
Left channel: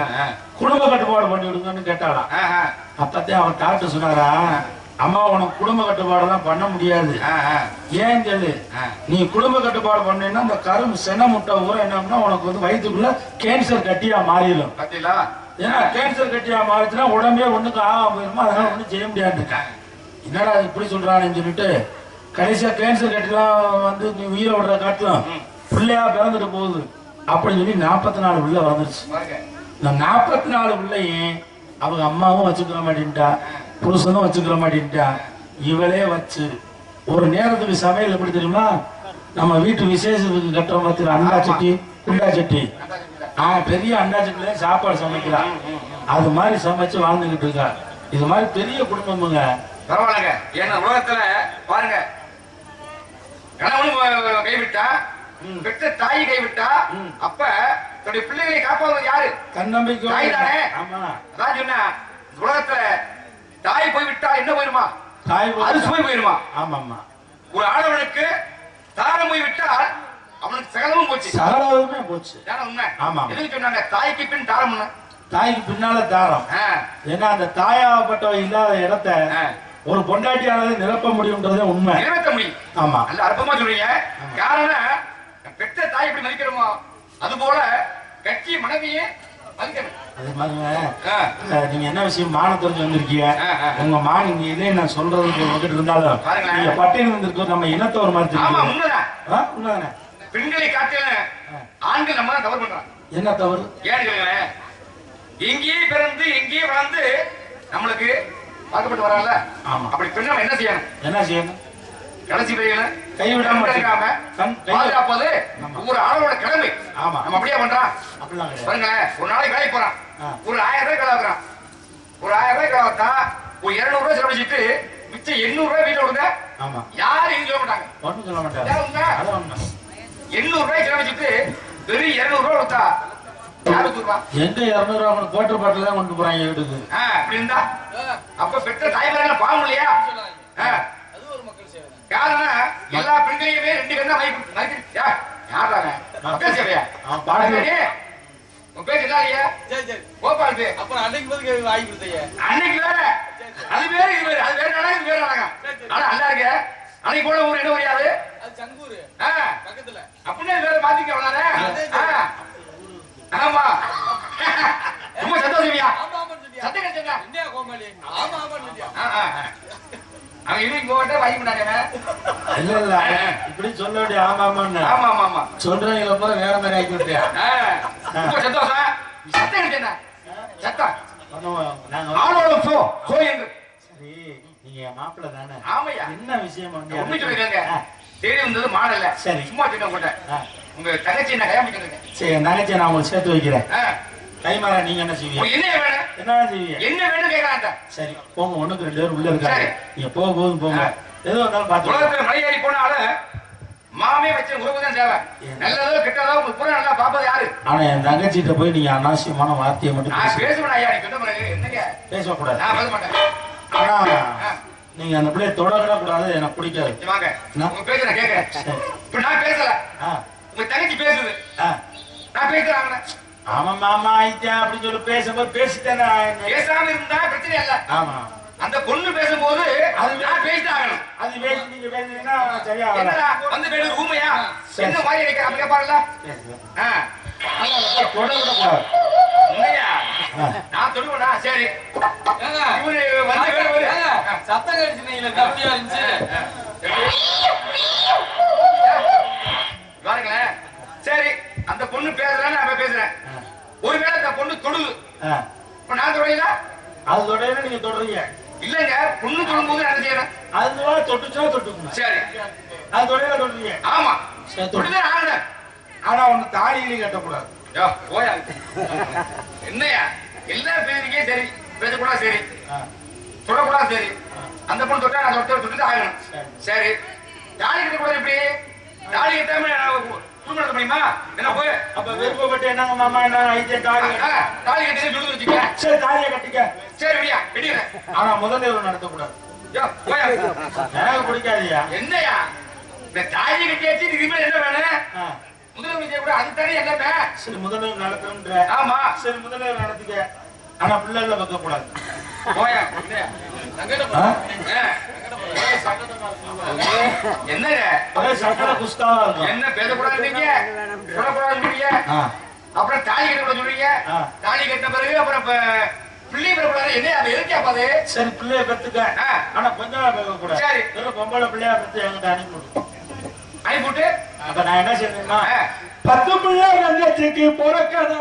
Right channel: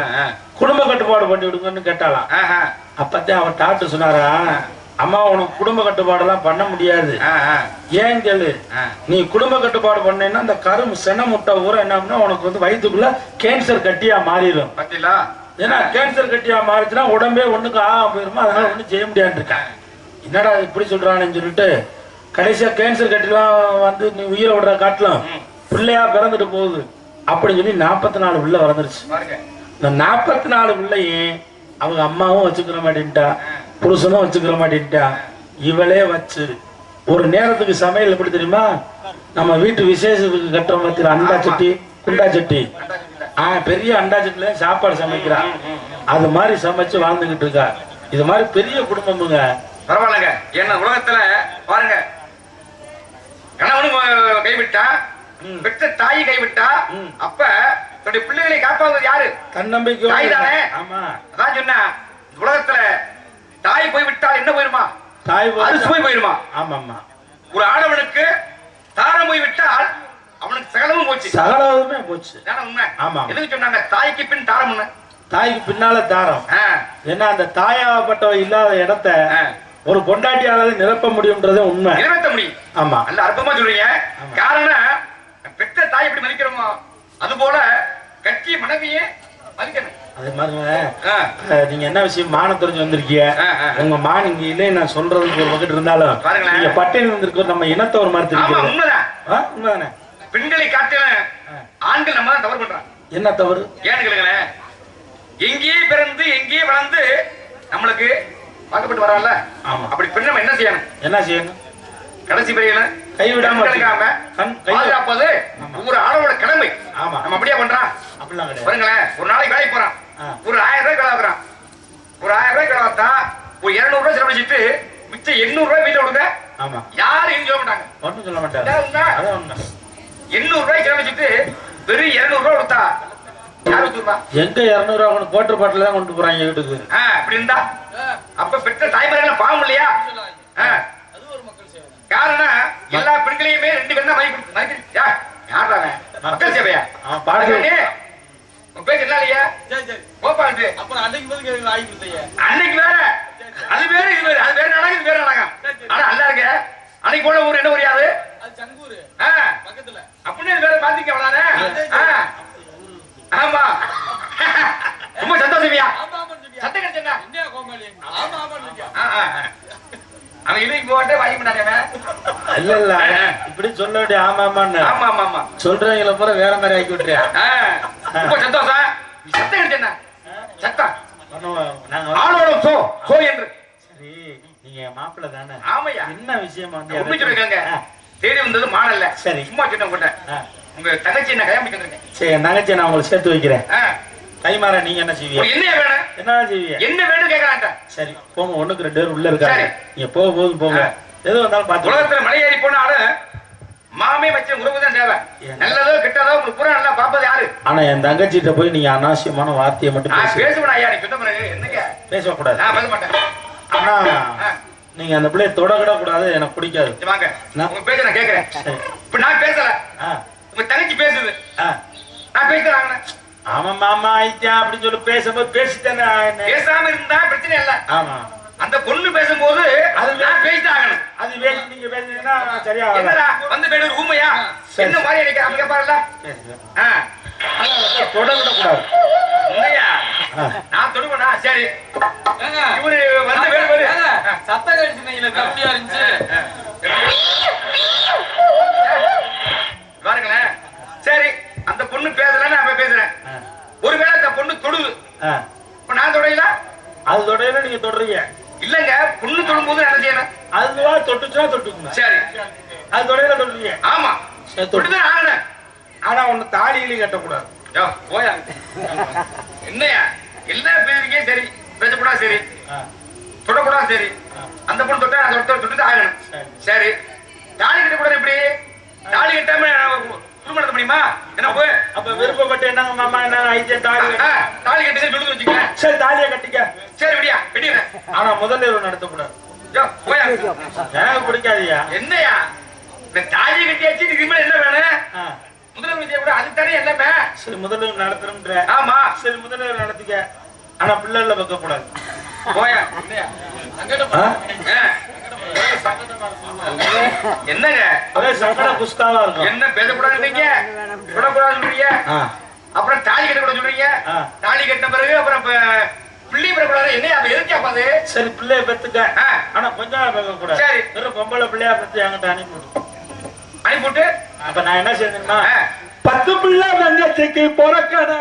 குடும்ப கட்டுப்பாடு பண்ணி விடுங்கன்னு கேட்டாலாம். அப்பதான் அவன் டாக்டர் சொன்னாரா அம்மா உனக்கு குடும்ப கட்டுப்பாடெல்லாம் பண்ண முடியாது. ஏன் கேளு நீ குடும்ப கட்டுப்பாடு பண்ணேன்னா அந்த கரும் சென முட்டை ஊற என்ன உனக்கு வயிற்றுக்குள்ள கேன்சர் கட்டியா மாறிடும். ஏன்னா கேன்சர் கட்டியா மாறிச்சுன்னா உடம்பே ஒண்ணுக்கு ஆகாம போயிருமா. அதனால ஒண்ணும் செய்ய முடியாது இருக்கேன். என்னடா இப்படி சொல்றான்னு சொல்லிட்டு கடைசியா கேன்சர் கட்டிலாம் நீ உயிரை விடுற காட்டிலும் பிள்ளையா பிறந்துட்டு போகுது அப்படின்னு சொல்லி 44 பிள்ளை வளர்ந்துருச்சு. இந்த 44 பிள்ளையும் அவங்க அம்மாவும் வச்சுக்கிற மாட்டேன்ட்டா புருஷனும் வச்சுக்கிற மாட்டேன்ட்டா இவளே வச்சு ஒரு நேரத்துக்கு சமையல் எப்படி தெரியுமா நம்ம வீட்டு விசேஷத்துக்கு கட்டுற மாதிரி அண்டா சட்டி குண்டா சட்டி பெரிய அண்டா சட்டில சாப்பாடு சமைக்கிறா. அது மாதிரி சமைச்சு வாழ்ந்துகிட்டு இருக்கா. இது மாதிரி பெரிய குடும்பமுங்க. பரவாயில்லங்க. என்ன உலகத்துல பாருங்க கணவனும் கைவிட்டா பெற்ற தாய் கைவிட்டா அப்ப தன்னுடைய பிள்ளைகளை காப்பாவது யாரு? தன்னம்பிக்கை தாய் தானே. ஆமா. அதான் சொன்ன உலகத்துல தாய் போய்விட்டால் என்ன போயிருமா? தாய் அரிசி போயிருமா? ஆமாமா. ஒரு ஆடவனுக்கு தாரம் போய்விட்டால் அவனுக்கு சகலமும் போச்சு. சகலமுமே போச்சு. உண்மை. ஆமா. எதுக்கு சொன்னாங்க தாய்க்கு பின் தாரம்? தாய்க்கு பின்னால தாரம். ஏன்னா அந்த தாயாகப்பட்டவ இல்லாத இடத்த ஒரு பொண்டாட்டியால நிரப்ப முடியும்ன்றதே உண்மை. நிரப்ப முடியும். ஆமா. நல்ல அற்பமா சொல்றீங்க. காரணம் பெற்ற தாய் எப்படி மதிக்கிறோமோ அது போல கட்சி மனைவியே மதிக்கணும். அது மாதிரி நீங்க என்ன விஷயம் மானம் தெரிஞ்சு வந்திருக்கீங்க. உங்க மான் இங்க இல்லை நான் சொல்றதுக்கு ஒரு பக்கத்து இருந்தாலும் நீங்க பட்டையில் வந்திருக்கோம் நம்ம இனத்தை ஒரு மாதிரி தெரியும். உண்மைதான் உண்மைதானே. பெண்களை காட்டில ஆண்கள் நம்ம தான் தவறு பண்றாங்க. என்ன தவறு? ஏன்னு கேளுங்களேன். எங்கேயே பிறந்து எங்கேயே வளர்ந்து நம்மளுக்கு பார்க்கப்பட்டு வரான்ல. ஆமா. அப்படி பெண் நம்ம என்ன செய்யணும்? என்ன செய்யணும்? கடைசி பையன் கைவிடாம பாதுகாப்பது ஒவ்வொரு ஆளோட கடமை. ஆமா. நம்ம அப்படியே பண்றான் அப்படிலாம் பாருங்களேன். ஒரு நாளைக்கு வேலைக்கு போறான் ஒரு 1000 ரூபாய் கலாக்குறான். ஒரு 1000 ரூபாய் கலாத்தா ஒரு 200 ரூபாய் செலவழிச்சிட்டு மிச்சம் 800 ரூபாய் வீட்டுல விடுங்க. ஆமா. யாரும் எங்க சொல்ல மாட்டாங்க. ஒன்றும் சொல்ல மாட்டாங்க. 800 ரூபாய் செலவழிச்சிட்டு வெறும் 200 ரூபா கொடுத்தா யாரு கொடுப்பா? எங்க 200 ரூபா கொண்டு கோட்டர் பாட்டில தான் கொண்டு போறாங்க வீட்டுக்கு. அப்படி இருந்தா அப்ப பெற்ற தாய்மாரெல்லாம் பாவம் இல்லையா? காரணம் எல்லா பெண்களையுமே 2 பேரும் தான் மதிக்க யாருடாங்க மக்கள் சேவையா பாடுறே உன் பேர் என்ன இல்லையா? கோபால். அப்புறம் அன்னைக்கு போது வாங்கி கொடுத்தீங்க. அன்னைக்கு வேற அது வேற இது வேற அது வேற நாடகம் இது வேற நாடகம். ஆனா நல்லா இருக்கு. அன்னைக்கு போன ஊர் என்ன ஊரியாது? அது சங்கூர் பக்கத்துல. அப்படியே வேற பாத்தீங்க அவ்வளவுதானே? ஆமா ரொம்ப சந்தோஷமியா? சத்தம் கிடைச்சா என்ன கோமாளி? ஆமா ஆமா சொல்லியா? அவன் இன்னைக்கு போட்டு வாங்கி பண்ணாங்க. இல்ல இல்ல இப்படி சொல்ல வேண்டிய ஆமா ஆமான்னு. ஆமா ஆமா ஆமா சொல்றவங்கள பூரா வேற மாதிரி ஆக்கி விட்டுறியா? ரொம்ப சந்தோஷம். சத்தம் கிடைச்சா சத்தம் நாங்க ஆளோட சோ சோ என்று. சரி நீங்க மாப்பிள்ள தானே? ஆமையா. என்ன விஷயம் வந்து உண்மை சொல்லிருக்காங்க. தேடி வந்தது மாடல்ல. சரி சும்மா சொன்ன போட்டேன். உங்க தங்கச்சி என்ன கல்யாணம் பண்ணிருக்கேன். சரி நகைச்சி நான் உங்களுக்கு சேர்த்து வைக்கிறேன். கைமாற நீங்க என்ன செய்வீங்க? என்ன வேணும்? என்ன செய்வீங்க? என்ன வேணும் கேக்குறான்டா. சரி போங்க. 1க்கு 2 பேர் உள்ள இருக்காங்க. நீங்க போக போதும் போங்க. ஏதோ வந்தாலும் பாத்து. உலகத்துல மலை ஏறி போனாலும் மாமே வச்ச உறவு தான் தேவை. நல்லதோ கெட்டதோ உங்களுக்கு பூரா நல்லா பாப்பது யாரு? ஆனா என் தங்கச்சிட்ட போய் நீங்க அனாவசியமான வார்த்தையை மட்டும் பேசுவேன். ஐயா நீ சொன்ன பிறகு என்னங்க பேசக்கூடாது. நான் பேச மாட்டேன். ஆனா நீங்க அந்த பிள்ளைய தொடக்கூட கூடாது. எனக்கு பிடிக்காது. வாங்க உங்க பேச நான் கேக்குறேன். இப்ப நான் பேசல. உங்க தங்கச்சி பேசுது. நான் பேசுறாங்க. ஆமா மாமா ஐயா அப்படின்னு சொல்லி பேசும்போது பேசிட்டேன்னா பேசாம இருந்தா பிரச்சனை இல்ல. ஆமா அந்த பொண்ணு பேசும்போது அது நான் பேசிட்டாகணும். அது பேசி நீங்க பேசுனீங்கன்னா சரியா என்னடா வந்து பேரு ஊமையா என்ன மாதிரி எனக்கு அவங்க பாருல. தொடக்கூட கூடாது. உண்மையா நான் தொடுவேனா? சரி இவரு வந்து வேறு சத்தம் கடிச்சுனீங்களே அப்படியா இருந்துச்சு பாருங்களேன். சரி அந்த பொண்ணு பேசலன்னு நான் பேசுறேன். ஒருவேளை அந்த பொண்ணு தொடுது. இப்ப நான் தொடல அது தொடையில நீங்க தொடறீங்க இல்லங்க. பொண்ணு தொடும்போது என்ன செய்யணும்? அதுவா தொட்டுச்சா தொட்டுக்கணும். சரி அது தொடையில தொடுறீங்க. ஆமா தொட்டுதான் ஆகணும். ஆனா ஒண்ணு தாலியிலையும் கட்டக்கூடாது. போயா என்னையா எல்லா பேருக்கே சரி பேசக்கூடாது. சரி தொடக்கூடாது. சரி அந்த பொண்ணு தொட்டா நான் தொட்டு ஆகணும். சரி தாலி கட்ட கூடாது. எப்படி தாலி கட்டாம குடும்பம் நடத்த முடியுமா? என்ன போய் அப்ப விருப்பப்பட்டு என்னங்க மாமா என்ன ஐயா தாலி கட்டுங்க சொல்லி வச்சுக்க. சரி தாலியை கட்டிக்க. சரி விடியா கட்டிடுறேன். ஆனா முதல்ல இவரு நடத்தக்கூடாது. போயா எனக்கு பிடிக்காதியா? என்னையா இந்த தாலி கட்டியாச்சு இதுக்கு மேல என்ன வேணும்? முதல்ல செய்ய கூட அது தானே எல்லாமே. சரி முதல்ல நடத்துறோம்ன்ற. ஆமா சரி முதல்ல நடத்திக்க. ஆனா பிள்ளைல வைக்க கூடாது. போயா என்னங்க ஒரே சக்கர குஸ்தாவா இருக்கும். என்ன பேசக்கூடாதுங்க சொல்லக்கூடாதுன்றீங்க. அப்புறம் தாலி கட்ட கூட சொல்றீங்க. தாலி கட்டின பிறகு அப்புறம் பிள்ளை பெறக்கூடாது. என்ன அது எதுக்கா பாது? சரி பிள்ளைய பெத்துக்க. ஆனா கொஞ்சம் பேச கூடாது. சரி வெறும் பொம்பளை பிள்ளையா பெத்து என்கிட்ட அனுப்பிவிட்டு அப்ப நான் என்ன செய்யணும்னா 10 பிள்ளை தங்கச்சிக்கு பிறக்கடா.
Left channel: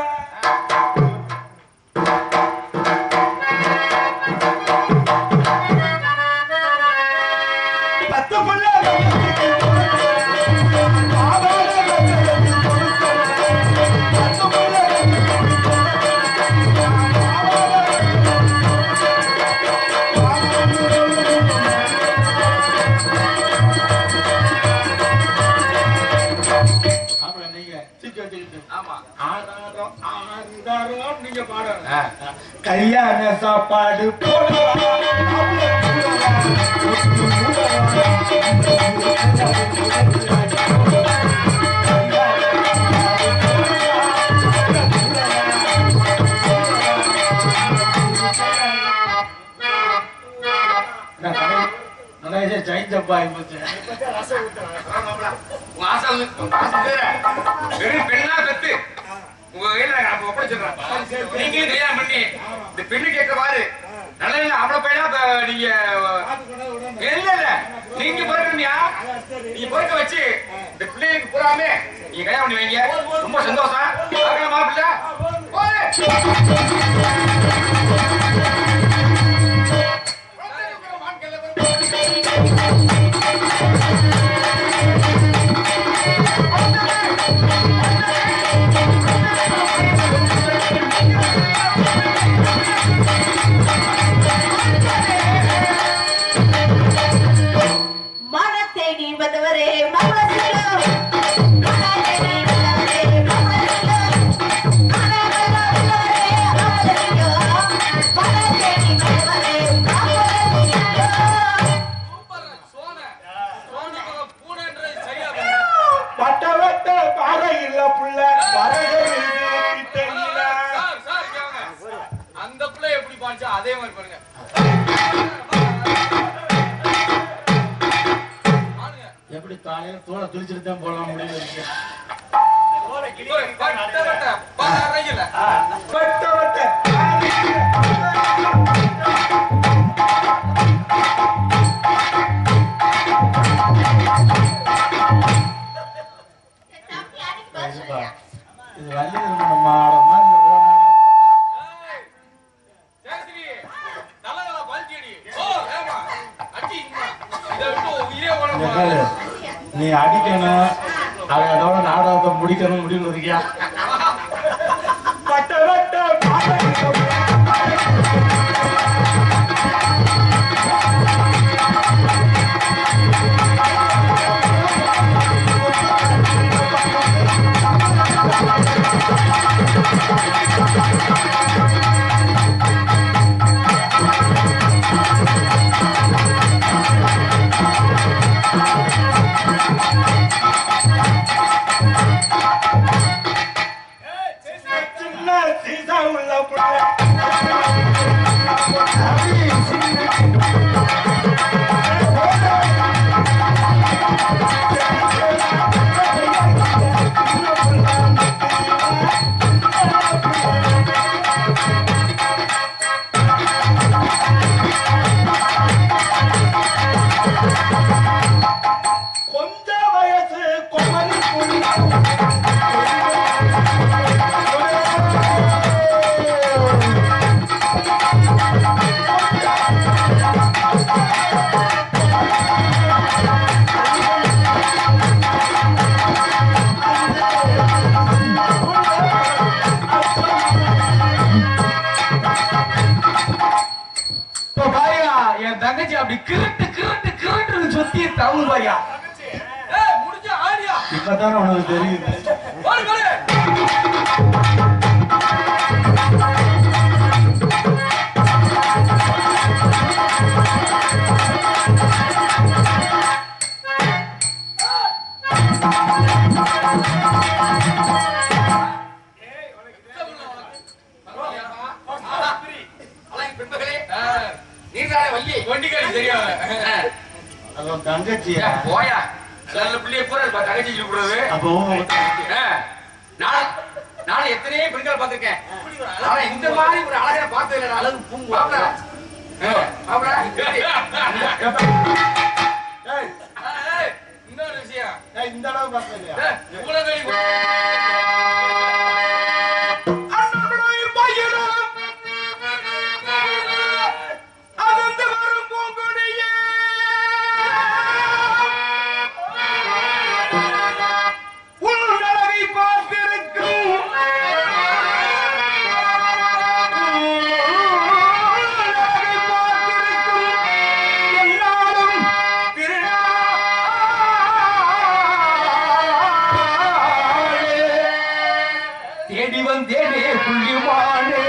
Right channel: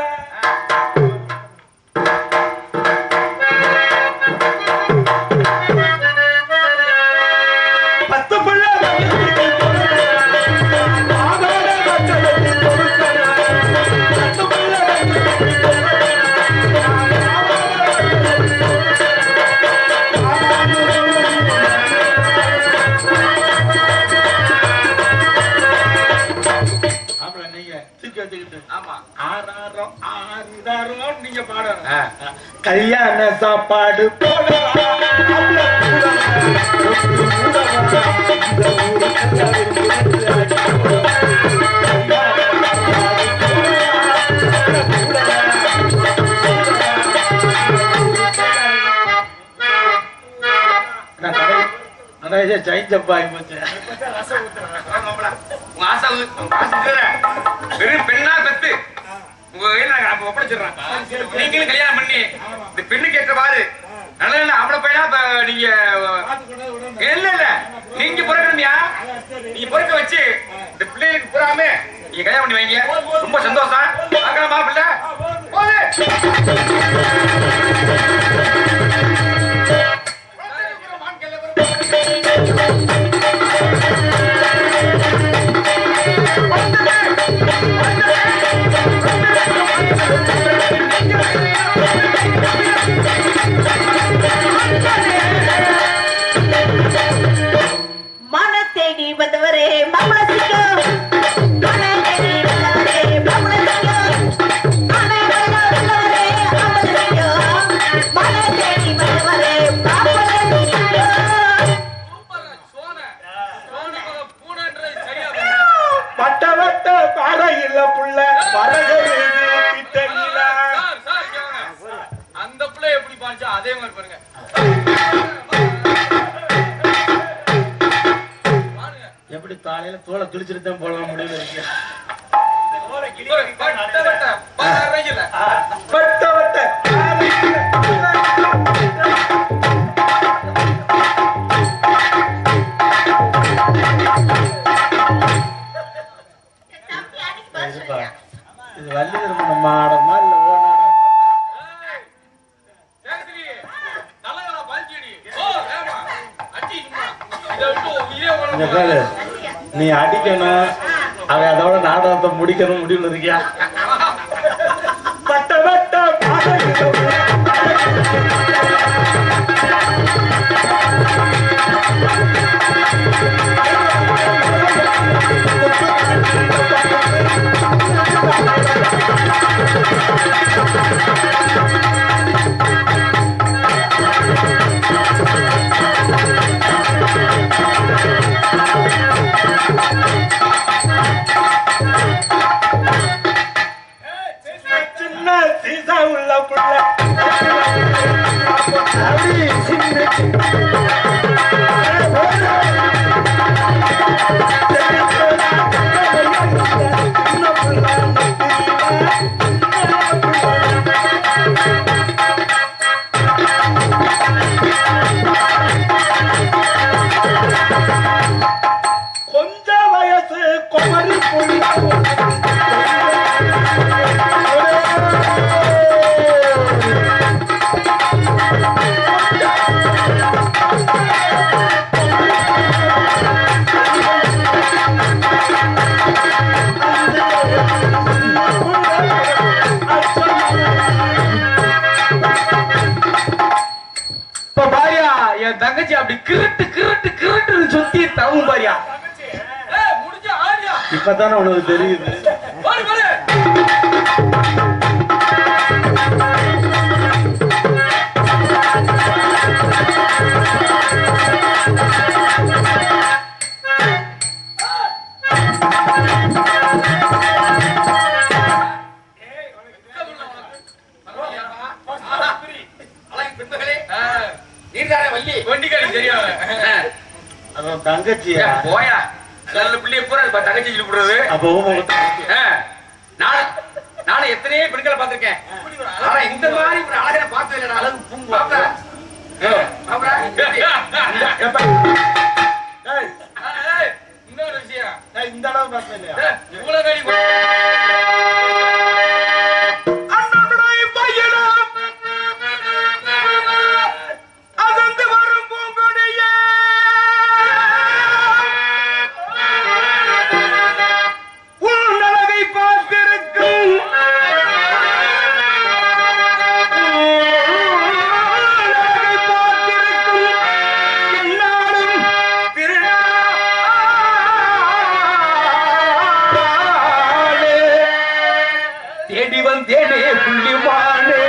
நீங்க பாடணும். கல்யாண சாப்பாடு பெண்ணா பெத்து உங்க கையில ஒப்படைச்சிடுறேன். நீங்களும் கல்யாணம் பண்ணி இந்த பெண்ணு கேட்டவாறு நல்ல அவளை போயிடா நீங்க இல்ல இல்ல நீங்க பிறக்கணும்யா. நீங்க பிறக்க வச்சு இந்த பிள்ளைகளுக்கு பூராமே நீங்க கல்யாணம் பண்ணி வைங்க. ரொம்ப சந்தோஷம். மாப்பிள்ள தேடி வந்தவரே மாமா சிக்கோ மன தேடி வந்தவரே மாமா எப்படி காலையில தோலை கிழிச்சிட்டு தான் போடலாம் முடியல இருக்கு. இது வள்ளி திருமணம் மாடமா இல்ல நீ அடிக்கணும் அவன் அதோட நாடகத்தை முடிக்கணும் முடிவு இருக்கியா? பட்ட கொஞ்சம் வயசு குமரி என் தங்கச்சி அப்படி கிரட்டு கிரட்டு கிரட்டு சுத்தி தவும் பாரியா. இப்பதானே உனக்கு தெரியுது. தங்கச்சியா போயா நல்ல பிள்ளைய பூரா தங்கச்சி சொல்லிடுறது. அப்போ நானும் எத்தனையோ பெண்களை பார்த்திருக்கேன். ஆனா இந்த மாதிரி ஒரு அழகனை பார்த்தது இல்லை. அழகு பூங்கா இன்னொரு விஷயம் இந்த அளவு பார்த்தேன் இல்லையா? தேடி வந்தேனே புள்ளிமானே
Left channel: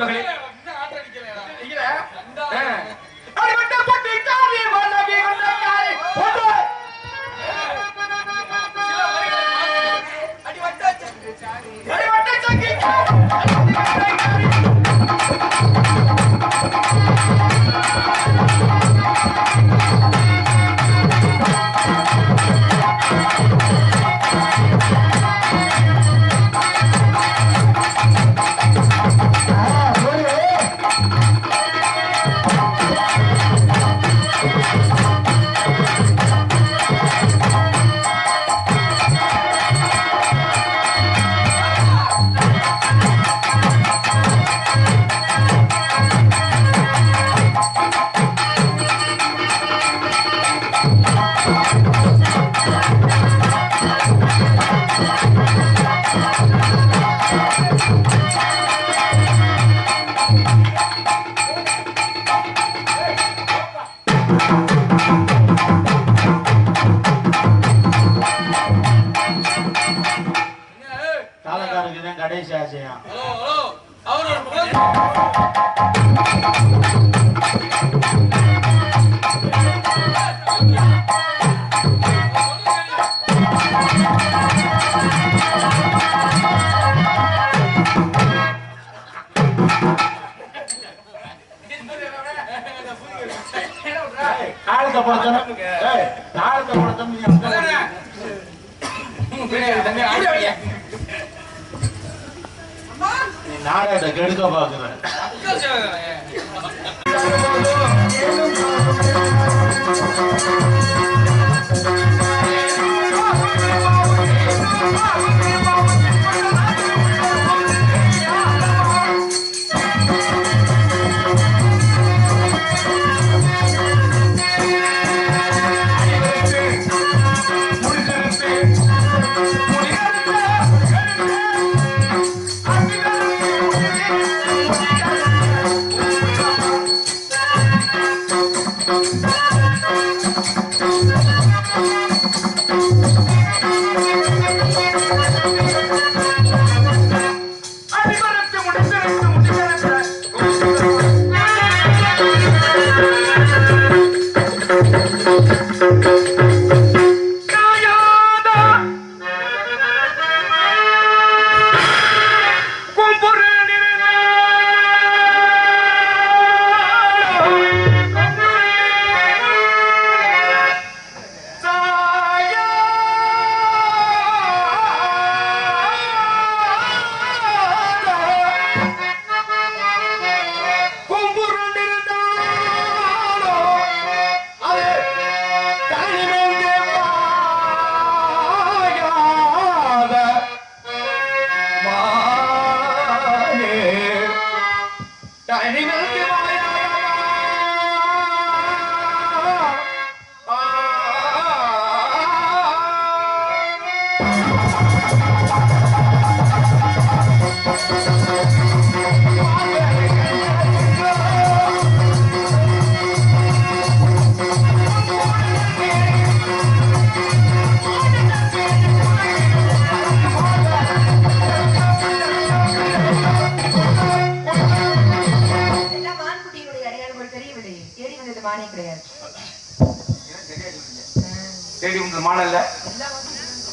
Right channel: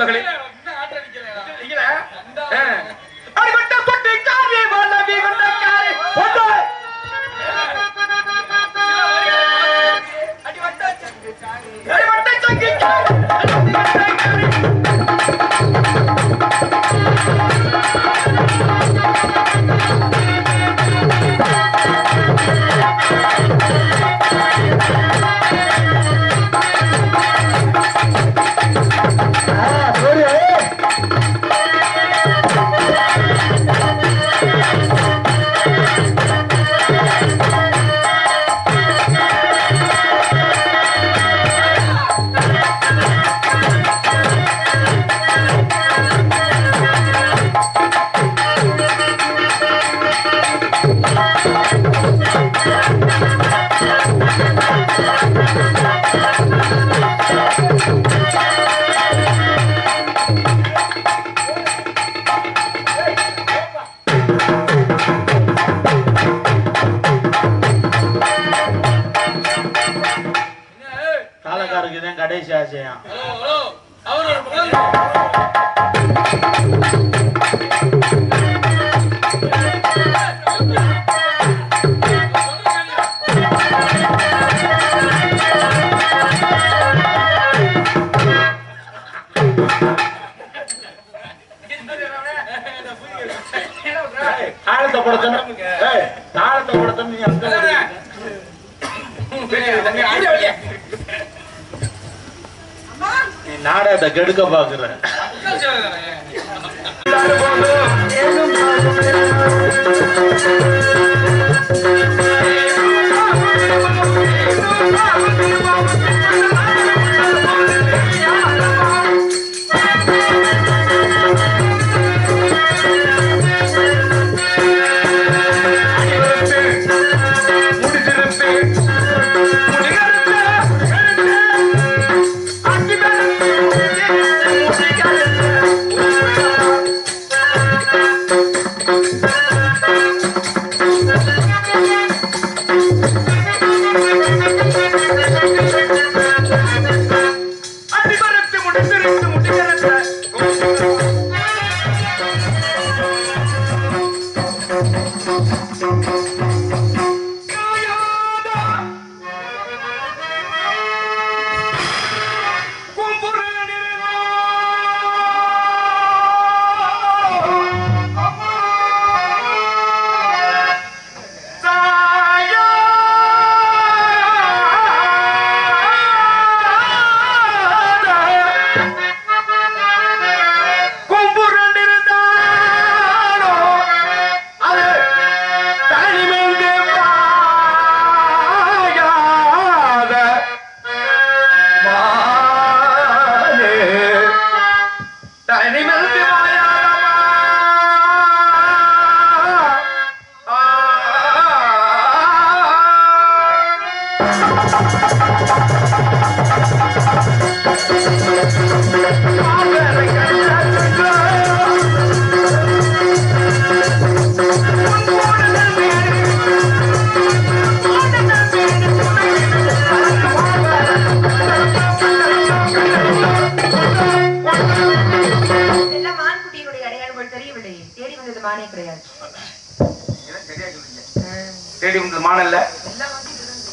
நண்பர்களே அடிபட்ட கொட்டி காரி வல்லவி கொண்டக்காரி ஒன்று அடிபட்ட சங்கி கடைசி ஆசையா தாளத்தை படுத்தணும் தாளத்தை படுத்தணும் நீ நாடகத்தை கெடுக்க பாக்குற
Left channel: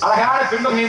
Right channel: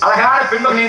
அழகான பெண்மகள்